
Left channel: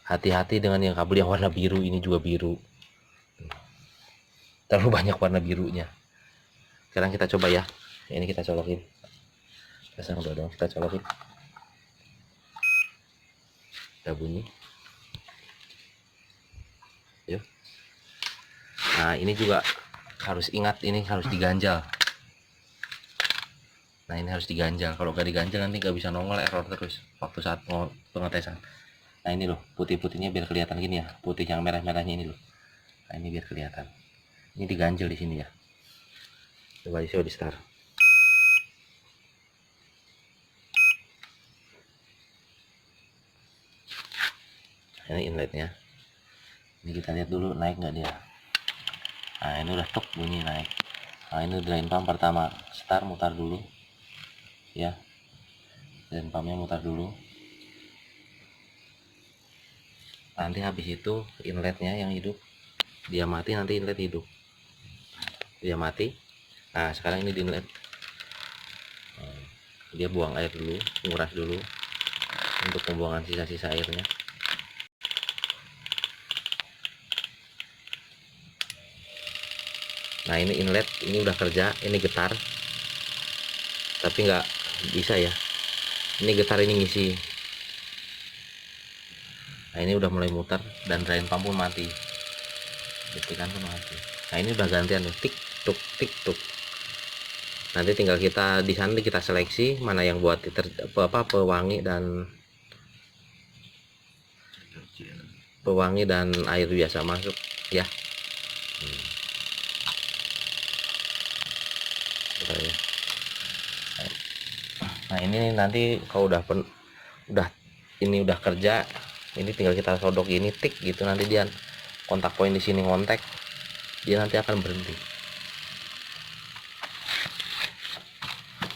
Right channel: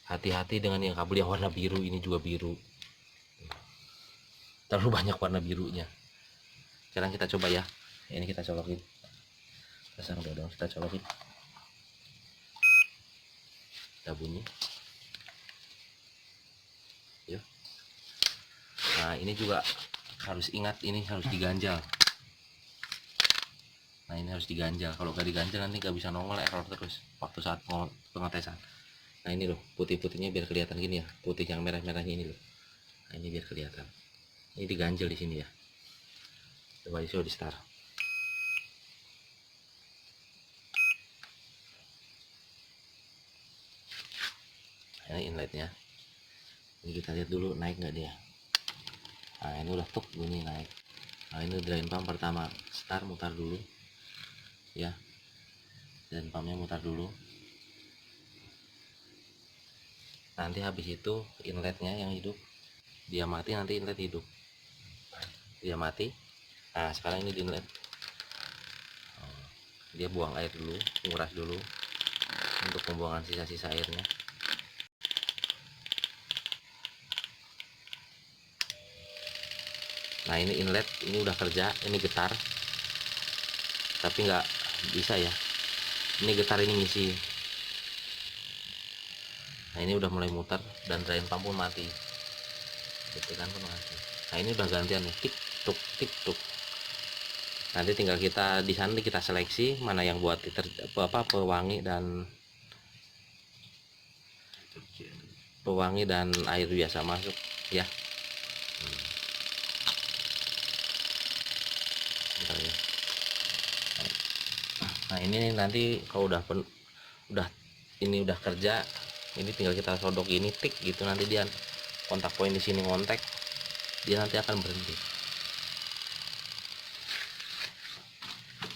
Hati-hati dengan yang kabel yang warna biru, ini juga biru. Terlalu banyak warna birunya. Sekarang kita coba ya. Ini kita colokin. Pasang dua dong, kita colokin. Udah bunyi. Yuk. Nah ini juga harus ingat, ini harus diganjal. Nah ini harus diganjal. Kalau gak diganjal nanti gak bisa nongol, error terus waktu saat pengetesan. Nah ini loh, putih-putihnya biar kelihatan gini ya. Putih yang merah-merahnya ini loh. Nah ini biar kelihatan. Ini diganjel di sini ya. Coba di start. Nah, ini inletnya. Ini kita lihat dulu naik nggak dia. Nah ini udah tuk bunyi naik. Nah ini drain pump pertama, start, mutar dulu ya. Drain pumpnya mutar dulu. Nanti habis itu inletnya yang hidup, dia mati, nanti inlet hidup. Dia mati. Nah sekarang ini di inlet, dia buang air dulu, nguras dulu untuk pembuangan sisa-sisa airnya. Nah ini inlet, ini udah kerja, ini getar, tapi nggak bisa ya. Ini getar, ini ngisi. Nah ini udah mulai muter dan drain pump pun mati, detikan pun mati. Nah ini udah gantian nih, tik tuk tik tuk. Nanti tinggal kita di sana kita seleksi mana yang buat pewangi dan air biasa masuk ya. Ya. Nah ini nanti kalau ini udah kerja, ini tinggal kita sodok ini tik gitu, nanti dia kontak poin di sini ngontek, dia nanti akan berhenti.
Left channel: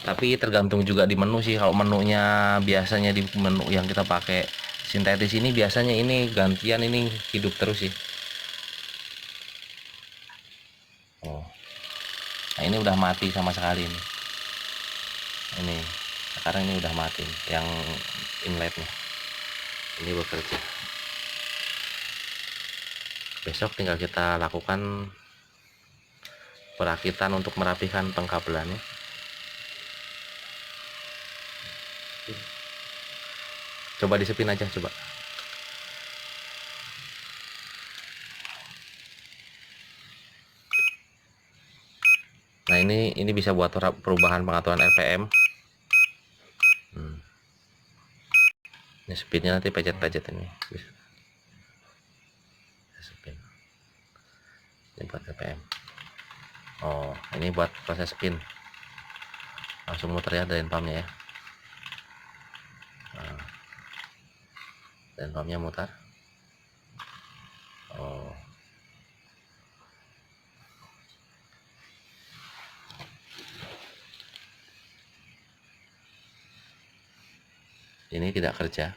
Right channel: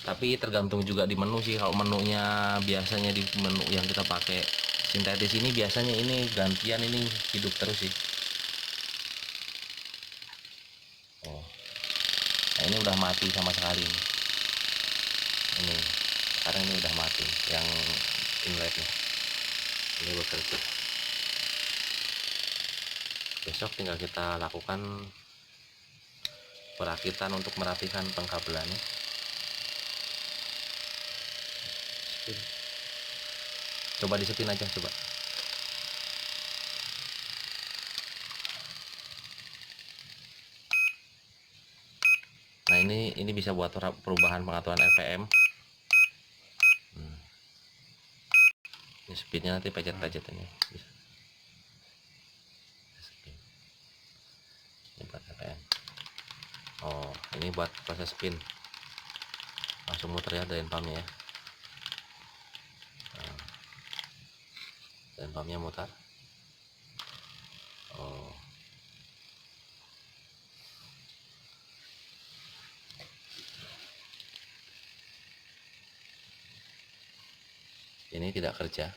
Tapi tergantung juga di menu sih. Kalau menunya biasanya di menu yang kita pakai sintetis ini biasanya ini gantian, ini hidup terus sih. Oh, nah ini udah mati sama sekali nih. Ini sekarang ini udah mati yang inletnya. Ini bekerja. Besok tinggal kita lakukan perakitan untuk merapikan pengkabelannya. Coba disepin aja coba. Nah ini bisa buat perubahan pengaturan RPM. Ini speednya nanti pencet-pencet ini. Spin. Ini buat RPM. Oh, ini buat proses spin. Langsung muter ya drain pumpnya ya. Nah, drain pumpnya mutar. Oh. Ini tidak kerja.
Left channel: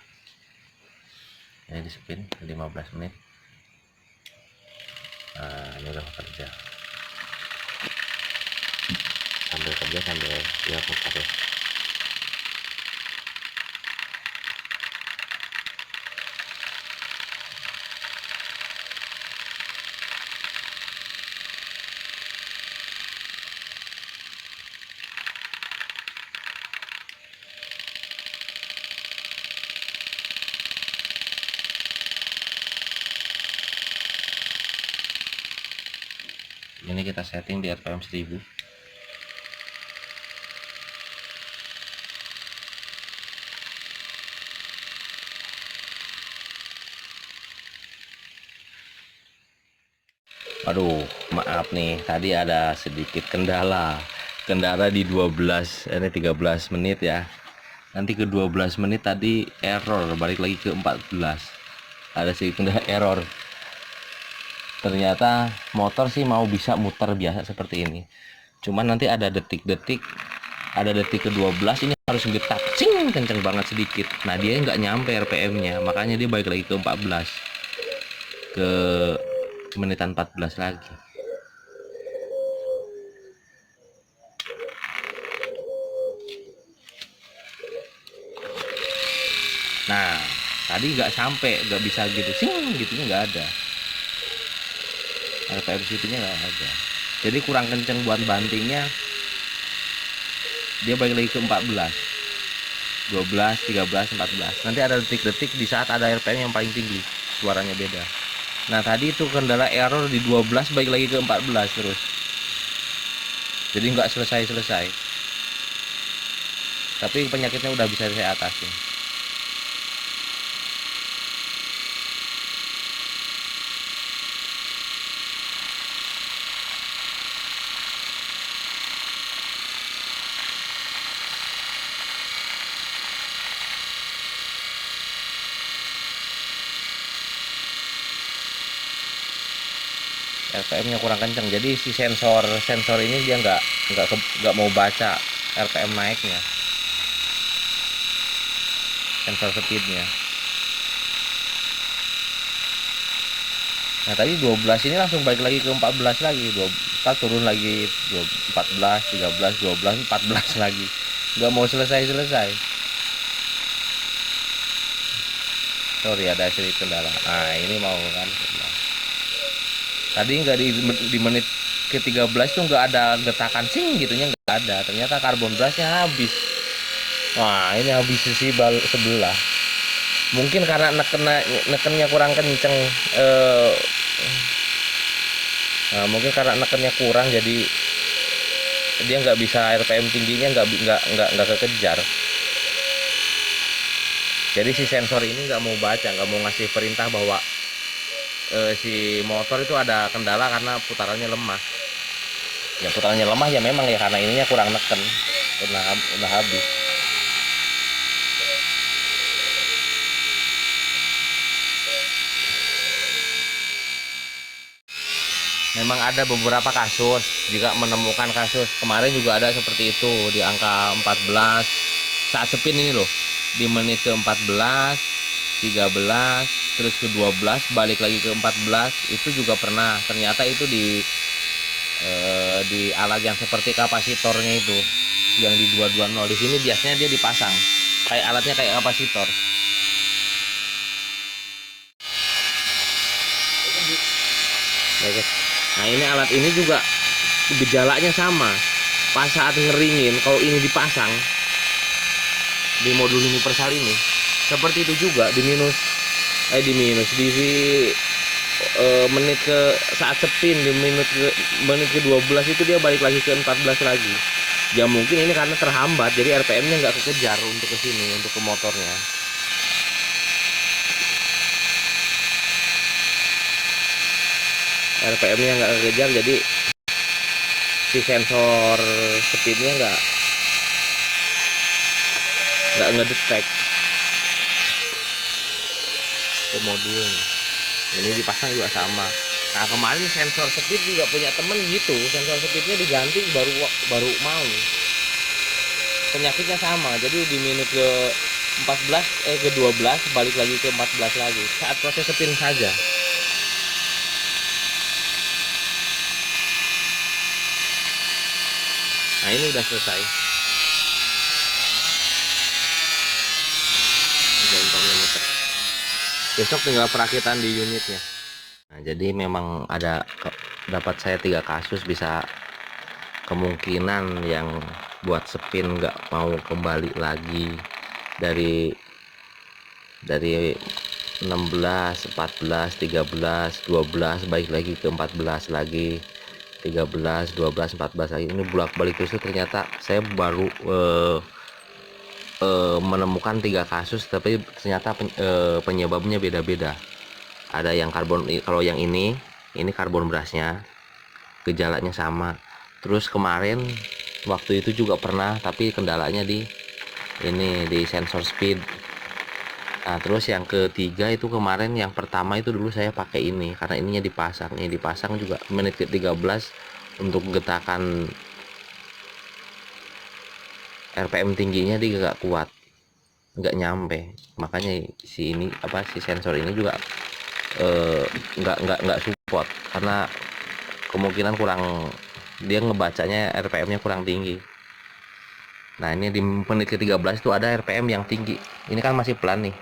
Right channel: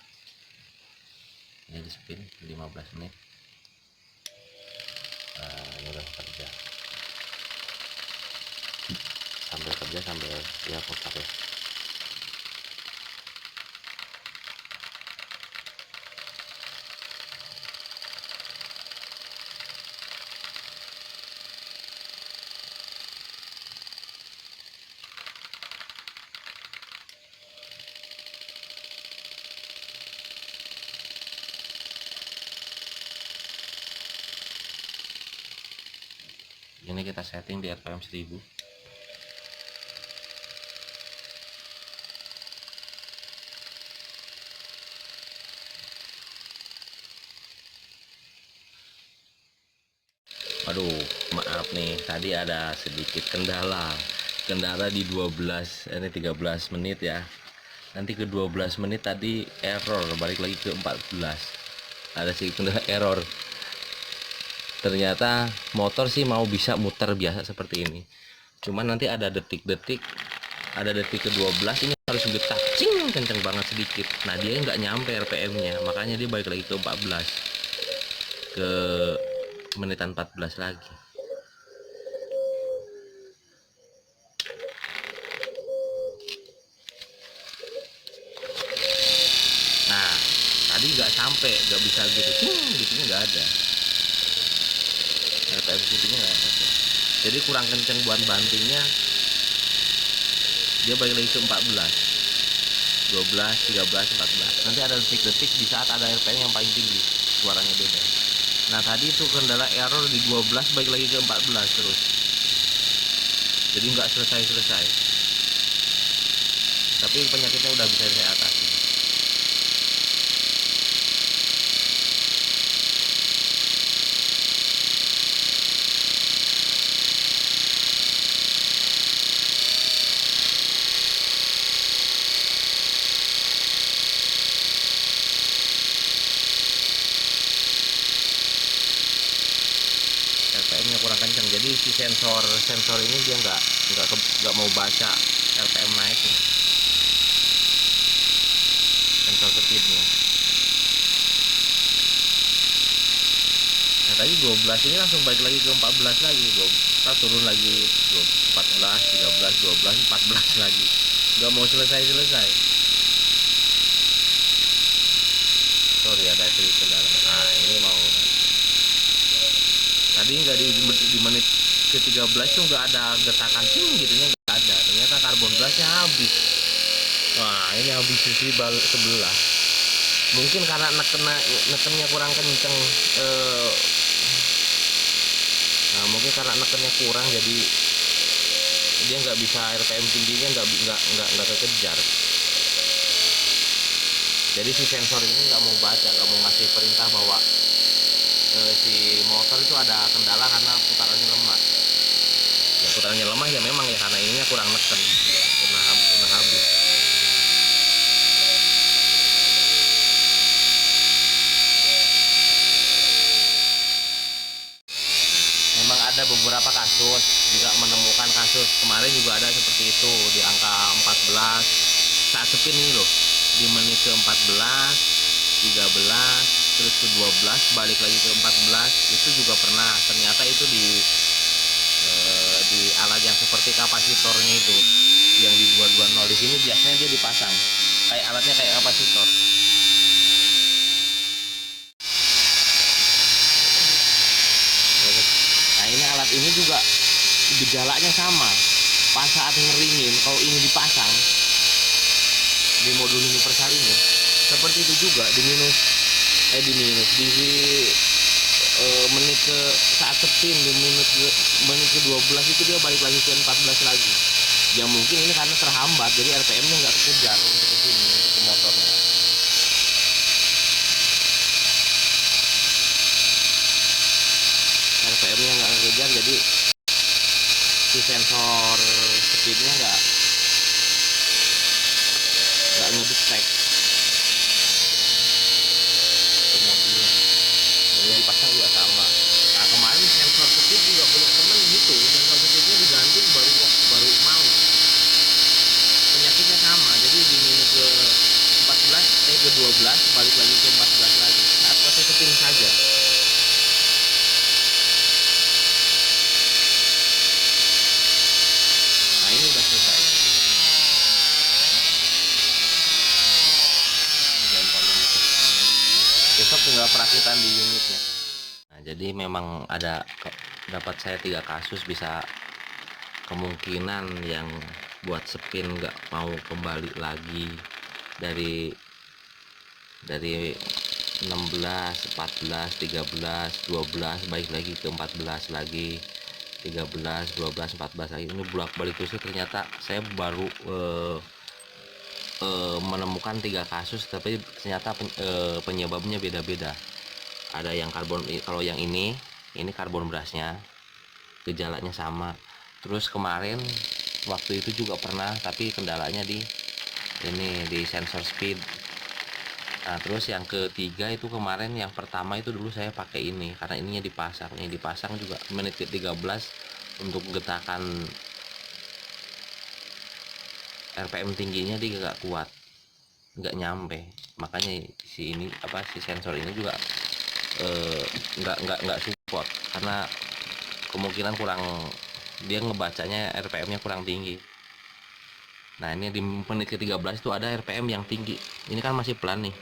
Ini di spin 15 menit. Nah, ini udah kerja. Sambil kerja sambil dia putar ya. Ini kita setting di RPM 1000. Aduh, maaf nih, tadi ada sedikit kendala di 12, ini 13 menit ya. Nanti ke 12 menit tadi error, balik lagi ke 14. Ada sedikit kendala error. Ternyata motor sih mau bisa muter biasa seperti ini. Cuman nanti ada detik-detik, ada detik ke 12 ini harus getak, cing, kenceng banget sedikit. Nah dia nggak nyampe RPM-nya, makanya dia balik lagi ke 14, ke menitan 14 lagi. Nah tadi nggak sampai, nggak bisa gitu, cing, gitunya nggak ada. RPM situnya nggak ada. Jadi kurang kenceng buat bantingnya. Dia balik lagi ke 14, 12, 13, 14. Nanti ada detik-detik di saat ada RPM yang paling tinggi, suaranya beda. Nah tadi itu kendala error di 12 balik lagi ke 14 terus. Jadi nggak selesai-selesai. Tapi penyakitnya udah bisa saya atasin. RPM-nya kurang kenceng, jadi si sensor ini dia nggak mau baca RPM naiknya, sensor speednya. Nah tadi 12 ini langsung balik lagi ke 14 lagi, 24 turun lagi, 14, 13, 12, 14 lagi, nggak mau selesai. Sorry ada sedikit kendala. Nah ini mau kan, tadi nggak di menit ke 13 tuh nggak ada getakan sing gitunya, nggak ada. Ternyata karbon blasnya habis. Wah ini habis sisi sebelah. Mungkin karena nekennya kurang kenceng. Nah, mungkin karena nekennya kurang jadi dia nggak bisa, RPM tingginya nggak kekejar. Jadi si sensor ini nggak mau baca, nggak mau ngasih perintah bahwa si motor itu ada kendala karena putarannya lemah. Ya putarannya lemah ya memang ya karena ininya kurang neken, udah habis. Memang ada beberapa kasus, jika menemukan kasus kemarin juga ada seperti itu di angka 14 saat spin ini loh, di menit ke 14, 13, terus ke 12, balik lagi ke 14, itu juga pernah. Ternyata itu di alat yang seperti kapasitornya itu, yang di 220. Di sini biasanya dia dipasang kayak alatnya kayak kapasitor. Ya, guys. Nah, ini alat ini juga gejalanya sama. Pas saat ngeringin, kalau ini dipasang di modul universal ini, seperti itu juga di menit ke saat spin di menit ke 12 itu dia balik lagi ke 14 lagi. Ya mungkin ini karena terhambat, jadi RPM-nya nggak kekejar untuk ke sini, untuk ke motornya. RPM-nya nggak kekejar, jadi si sensor speednya nggak ngedetect ke modul. Ini dipasang juga sama. Nah, kemarin sensor speed juga punya temen gitu, sensor speednya diganti baru mau. Penyakitnya sama, jadi di menit ke 12 balik lagi ke 14 lagi saat proses spin saja. Nah, ini udah selesai. Besok tinggal perakitan di unitnya. Nah, jadi memang dapat saya 3 kasus, bisa kemungkinan yang buat spin nggak mau kembali lagi dari 16, 14, 13, 12 balik lagi ke 14 lagi, 13, 12, 14 lagi. Ini bolak-balik itu ternyata saya baru menemukan 3 kasus, tapi ternyata penyebabnya beda-beda. Ada yang karbon, kalau yang ini karbon brasnya gejalanya sama. Terus kemarin waktu itu juga pernah, tapi kendalanya di sensor speed. Nah, terus yang ketiga itu kemarin, yang pertama itu dulu saya pakai ini karena ininya dipasang juga menit ke 13 untuk getakan RPM tingginya dia nggak kuat, nggak nyampe. Makanya si sensor ini juga nggak support karena kemungkinan dia ngebacanya RPM-nya kurang tinggi. Nah, ini di menit ke 13 itu ada RPM yang tinggi. Ini kan masih pelan nih.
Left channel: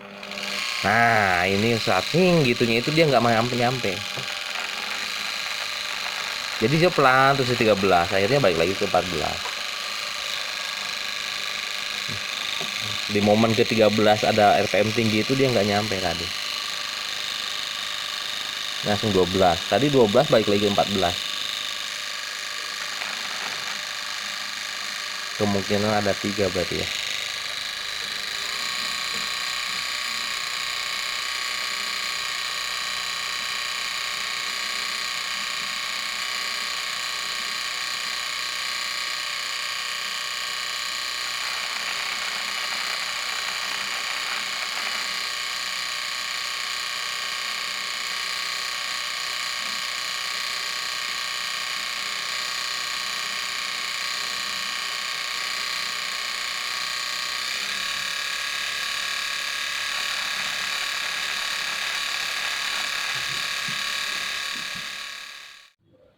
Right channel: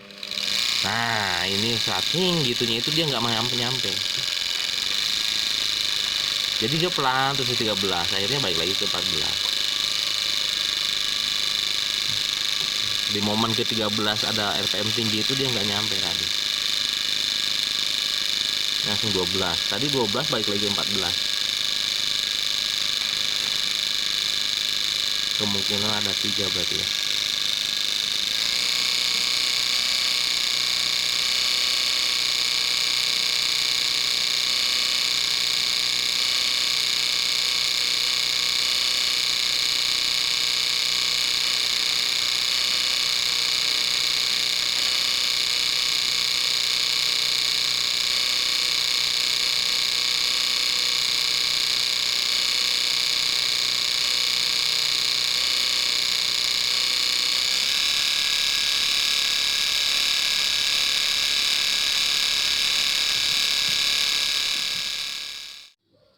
Nah, ini saat gitunya itu dia nggak nyampe. Jadi dia pelan terus di 13, akhirnya balik lagi ke 14. Di momen ke 13 ada RPM tinggi itu dia nggak nyampe tadi. Langsung 12. Tadi 12 balik lagi ke 14. Kemungkinan ada 3 berarti ya.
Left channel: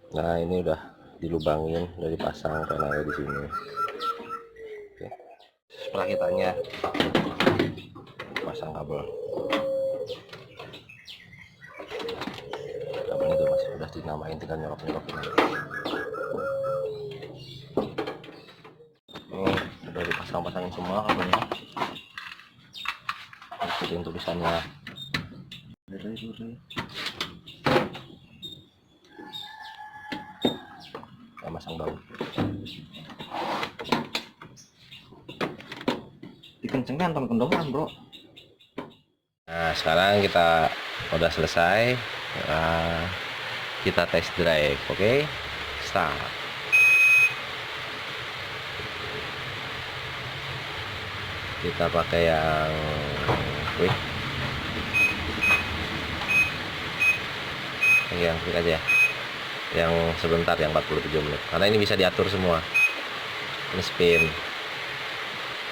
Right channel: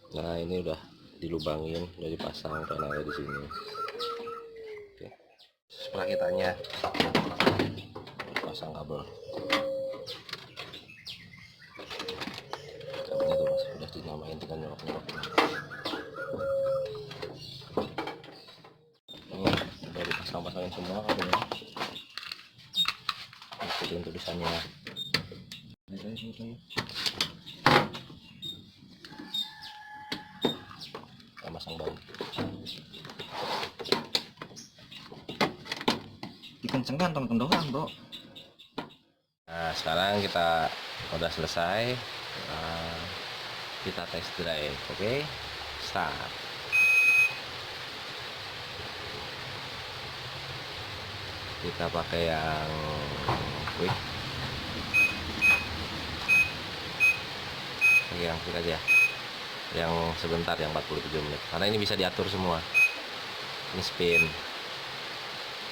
Nah, ini udah dilubangin, udah dipasang panelnya di sini. Oke. Perakitannya pasang kabelnya itu masih udah dinamain, tinggal nyolok-nyolok ini. Ini udah dipasang-pasangin semua kabelnya. Ikutin tulisannya. Kita masang baut. Dikencengkan teman kendoran, bro. Nah, sekarang kita udah selesai. Nah, kita test drive. Oke, start. Kita pakai yang quick. Yang quick aja. yang sebentar, yang 47 menit, karena ini bisa diatur semua. Ini spin,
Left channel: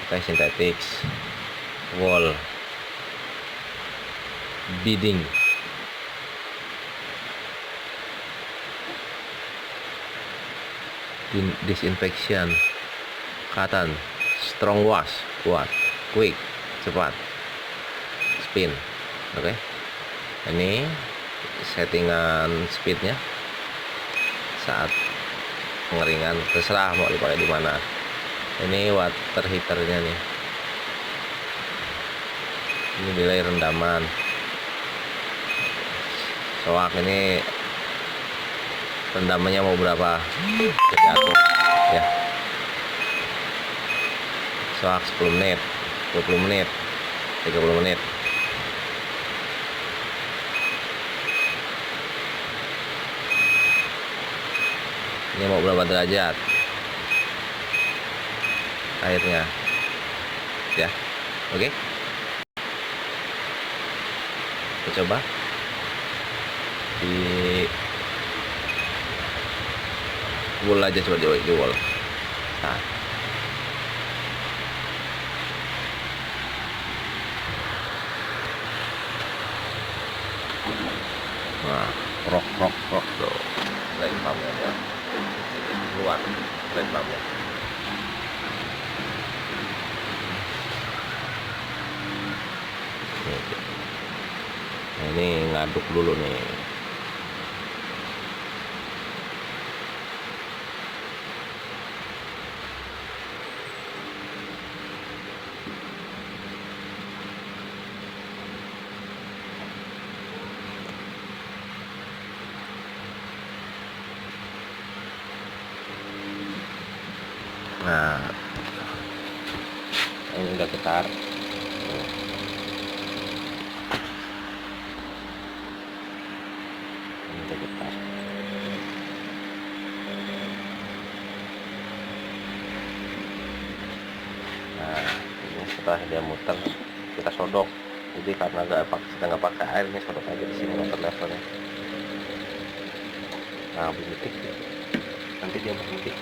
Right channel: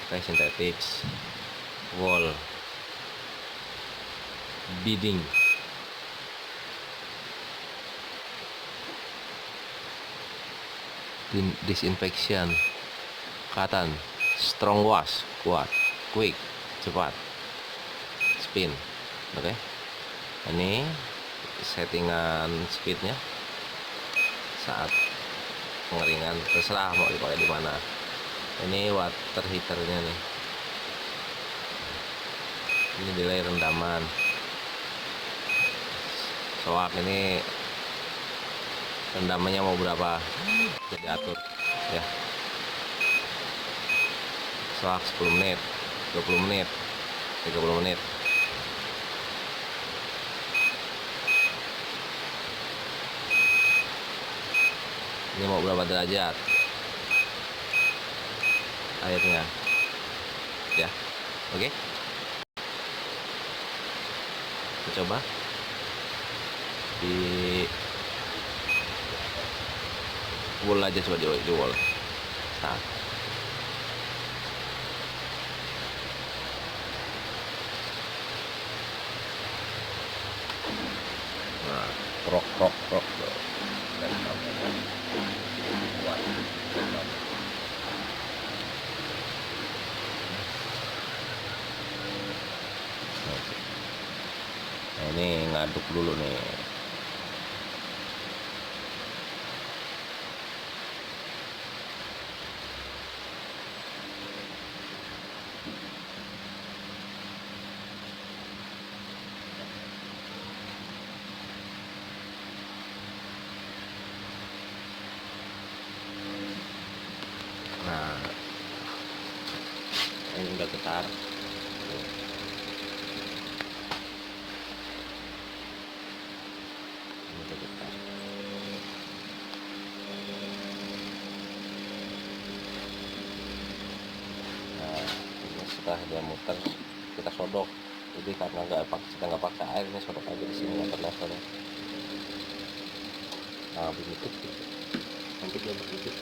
oke, synthetics, wall, beading, disinfection, cotton, strong wash, kuat, quick, cepat, spin. Oke, ini settingan speednya saat pengeringan, terserah mau dipakai di mana. Ini water heaternya nih, ini delay rendaman, soak ini rendamannya mau berapa bisa diatur ya, soak 10 menit, 20 menit, 30 menit. Ini mau berapa derajat airnya ya. Oke, kita coba di wall aja, coba di wall. Nah, krok tuh, light pump keluar, light pump. Nah, ini ngaduk dulu nih. Nah, ini udah getar. Ini udah getar. Nah, ini setelah dia muter, kita sodok. Jadi karena kita nggak pakai air, ini sodok aja di sini water levelnya. Nah, berhenti. Nanti dia berhenti.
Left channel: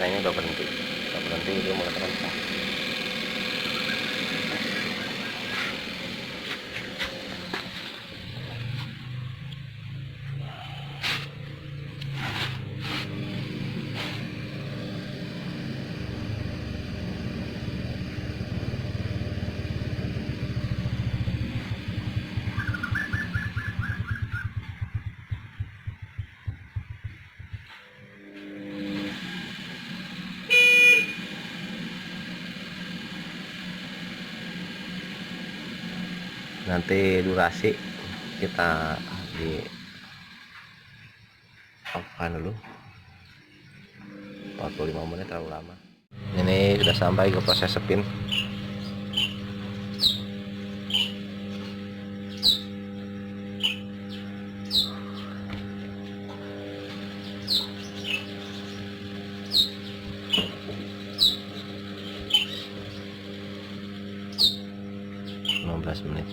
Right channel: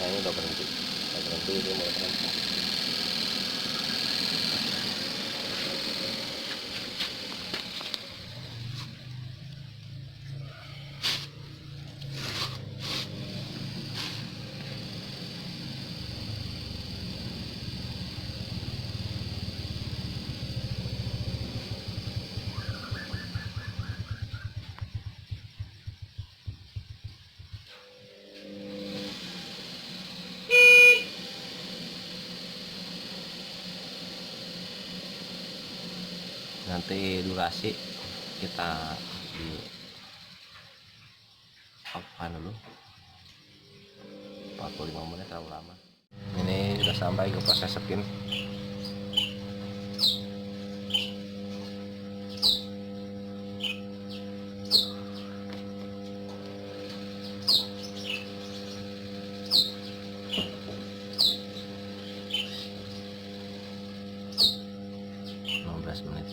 Nah, ini udah berhenti, dia mulai terangkat. Nanti durasi kita di apa dulu, 45 menit terlalu lama. Ini sudah sampai ke proses spin. Menit.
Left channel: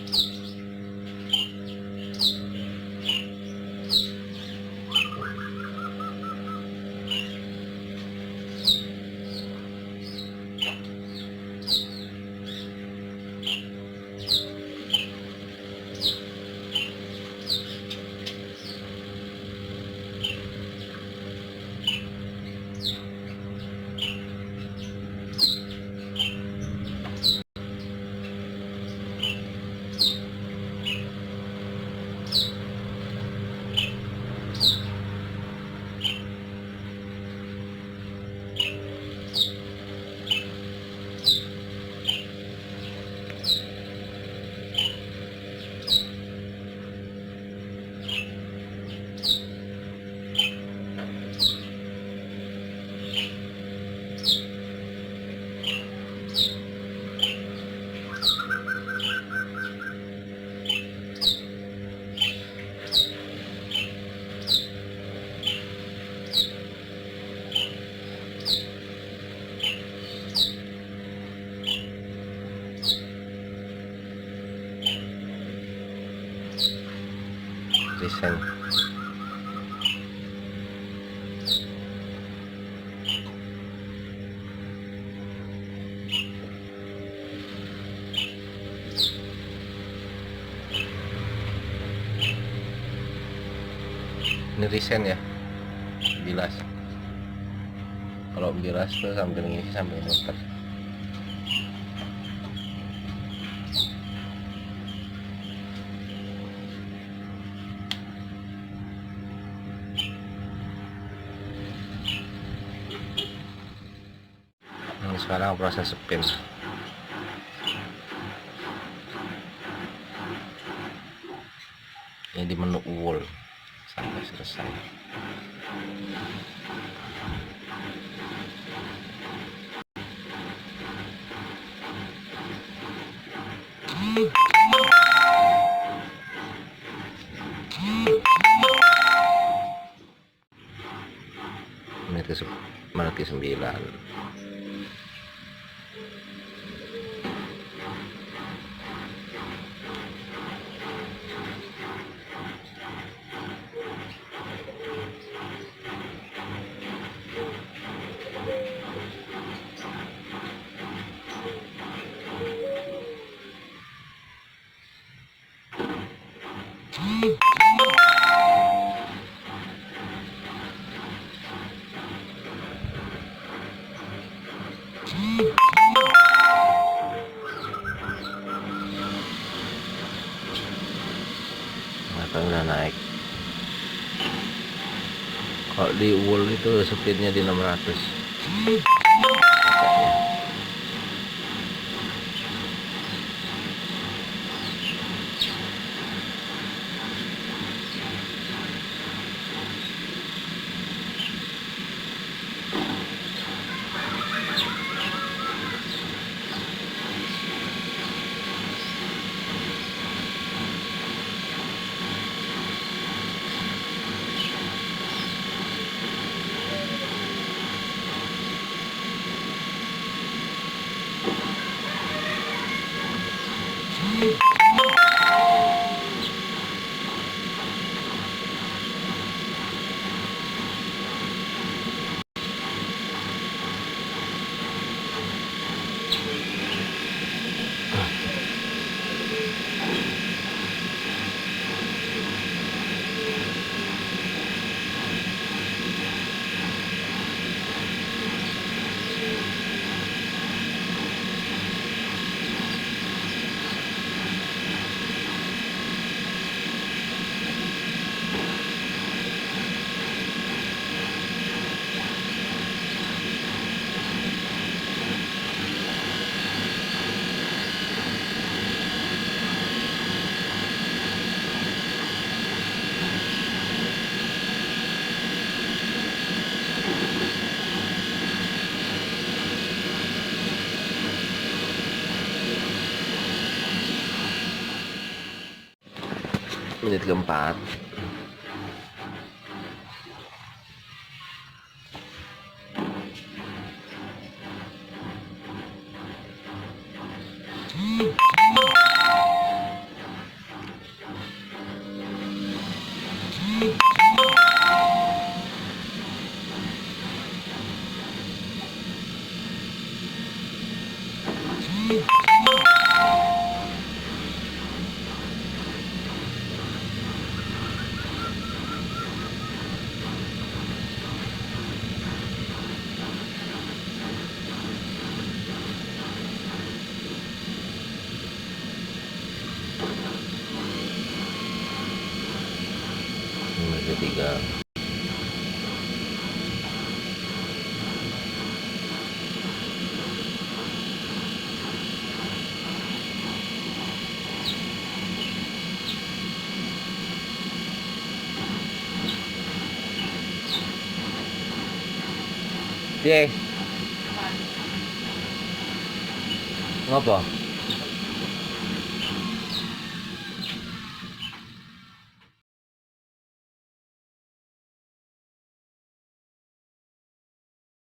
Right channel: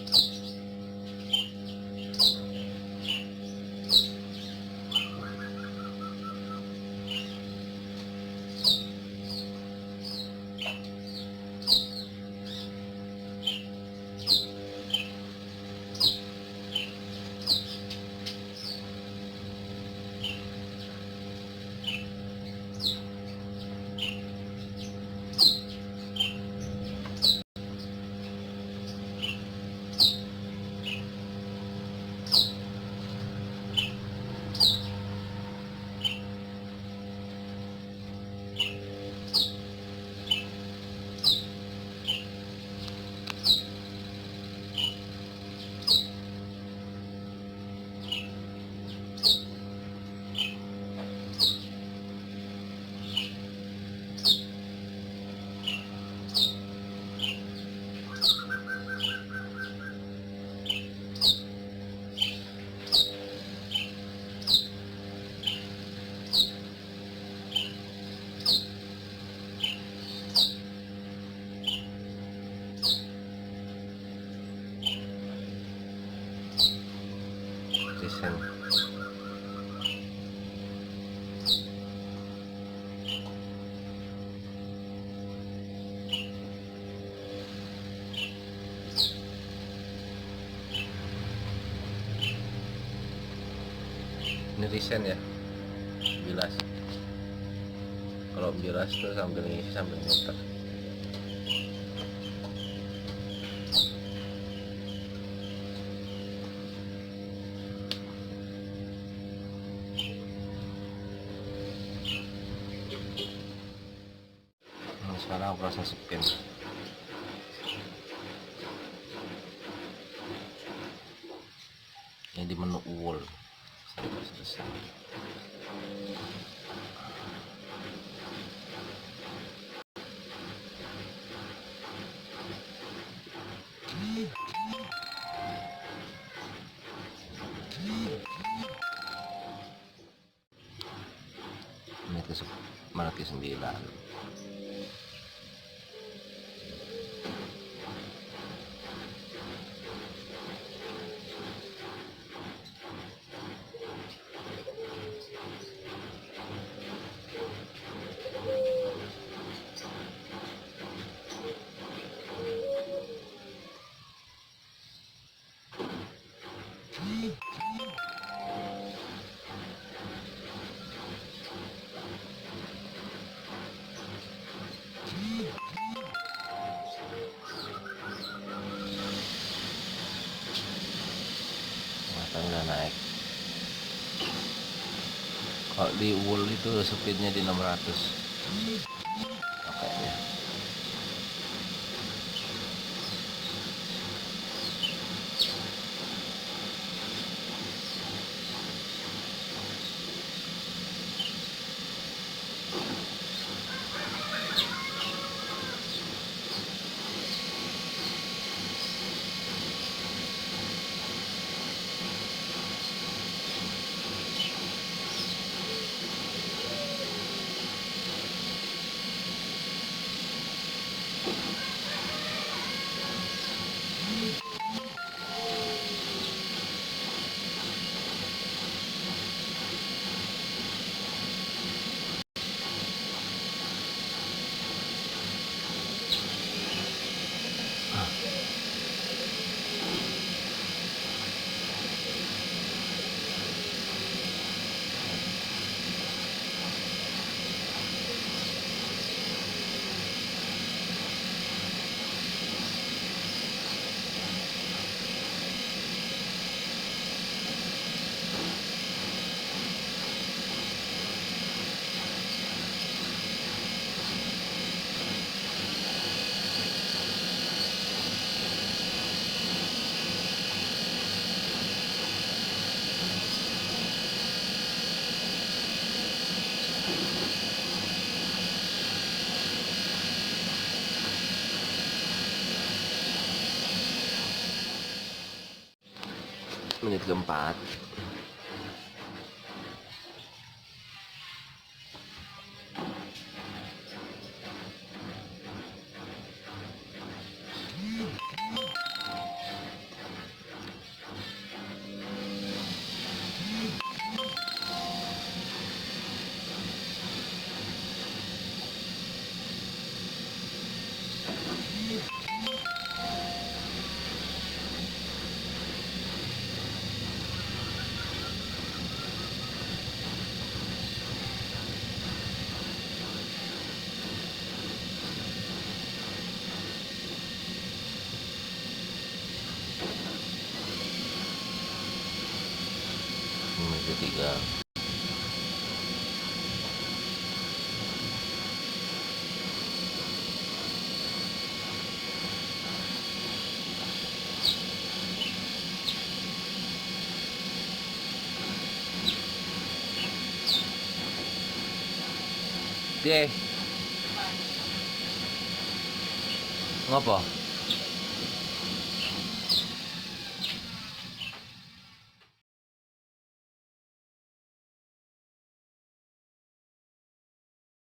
desain. Ini desain ya, bilas. Kalau bilas tuh sambil ngisi sambil muter. Nah, sekarang proses spin. Ini di menu wall sampai selesai. Menit ke 9. Udah naik. Kalau di wool itu speednya di 600 pakainya. Menit keempat. Menit ketiga. Piye? Ngopo?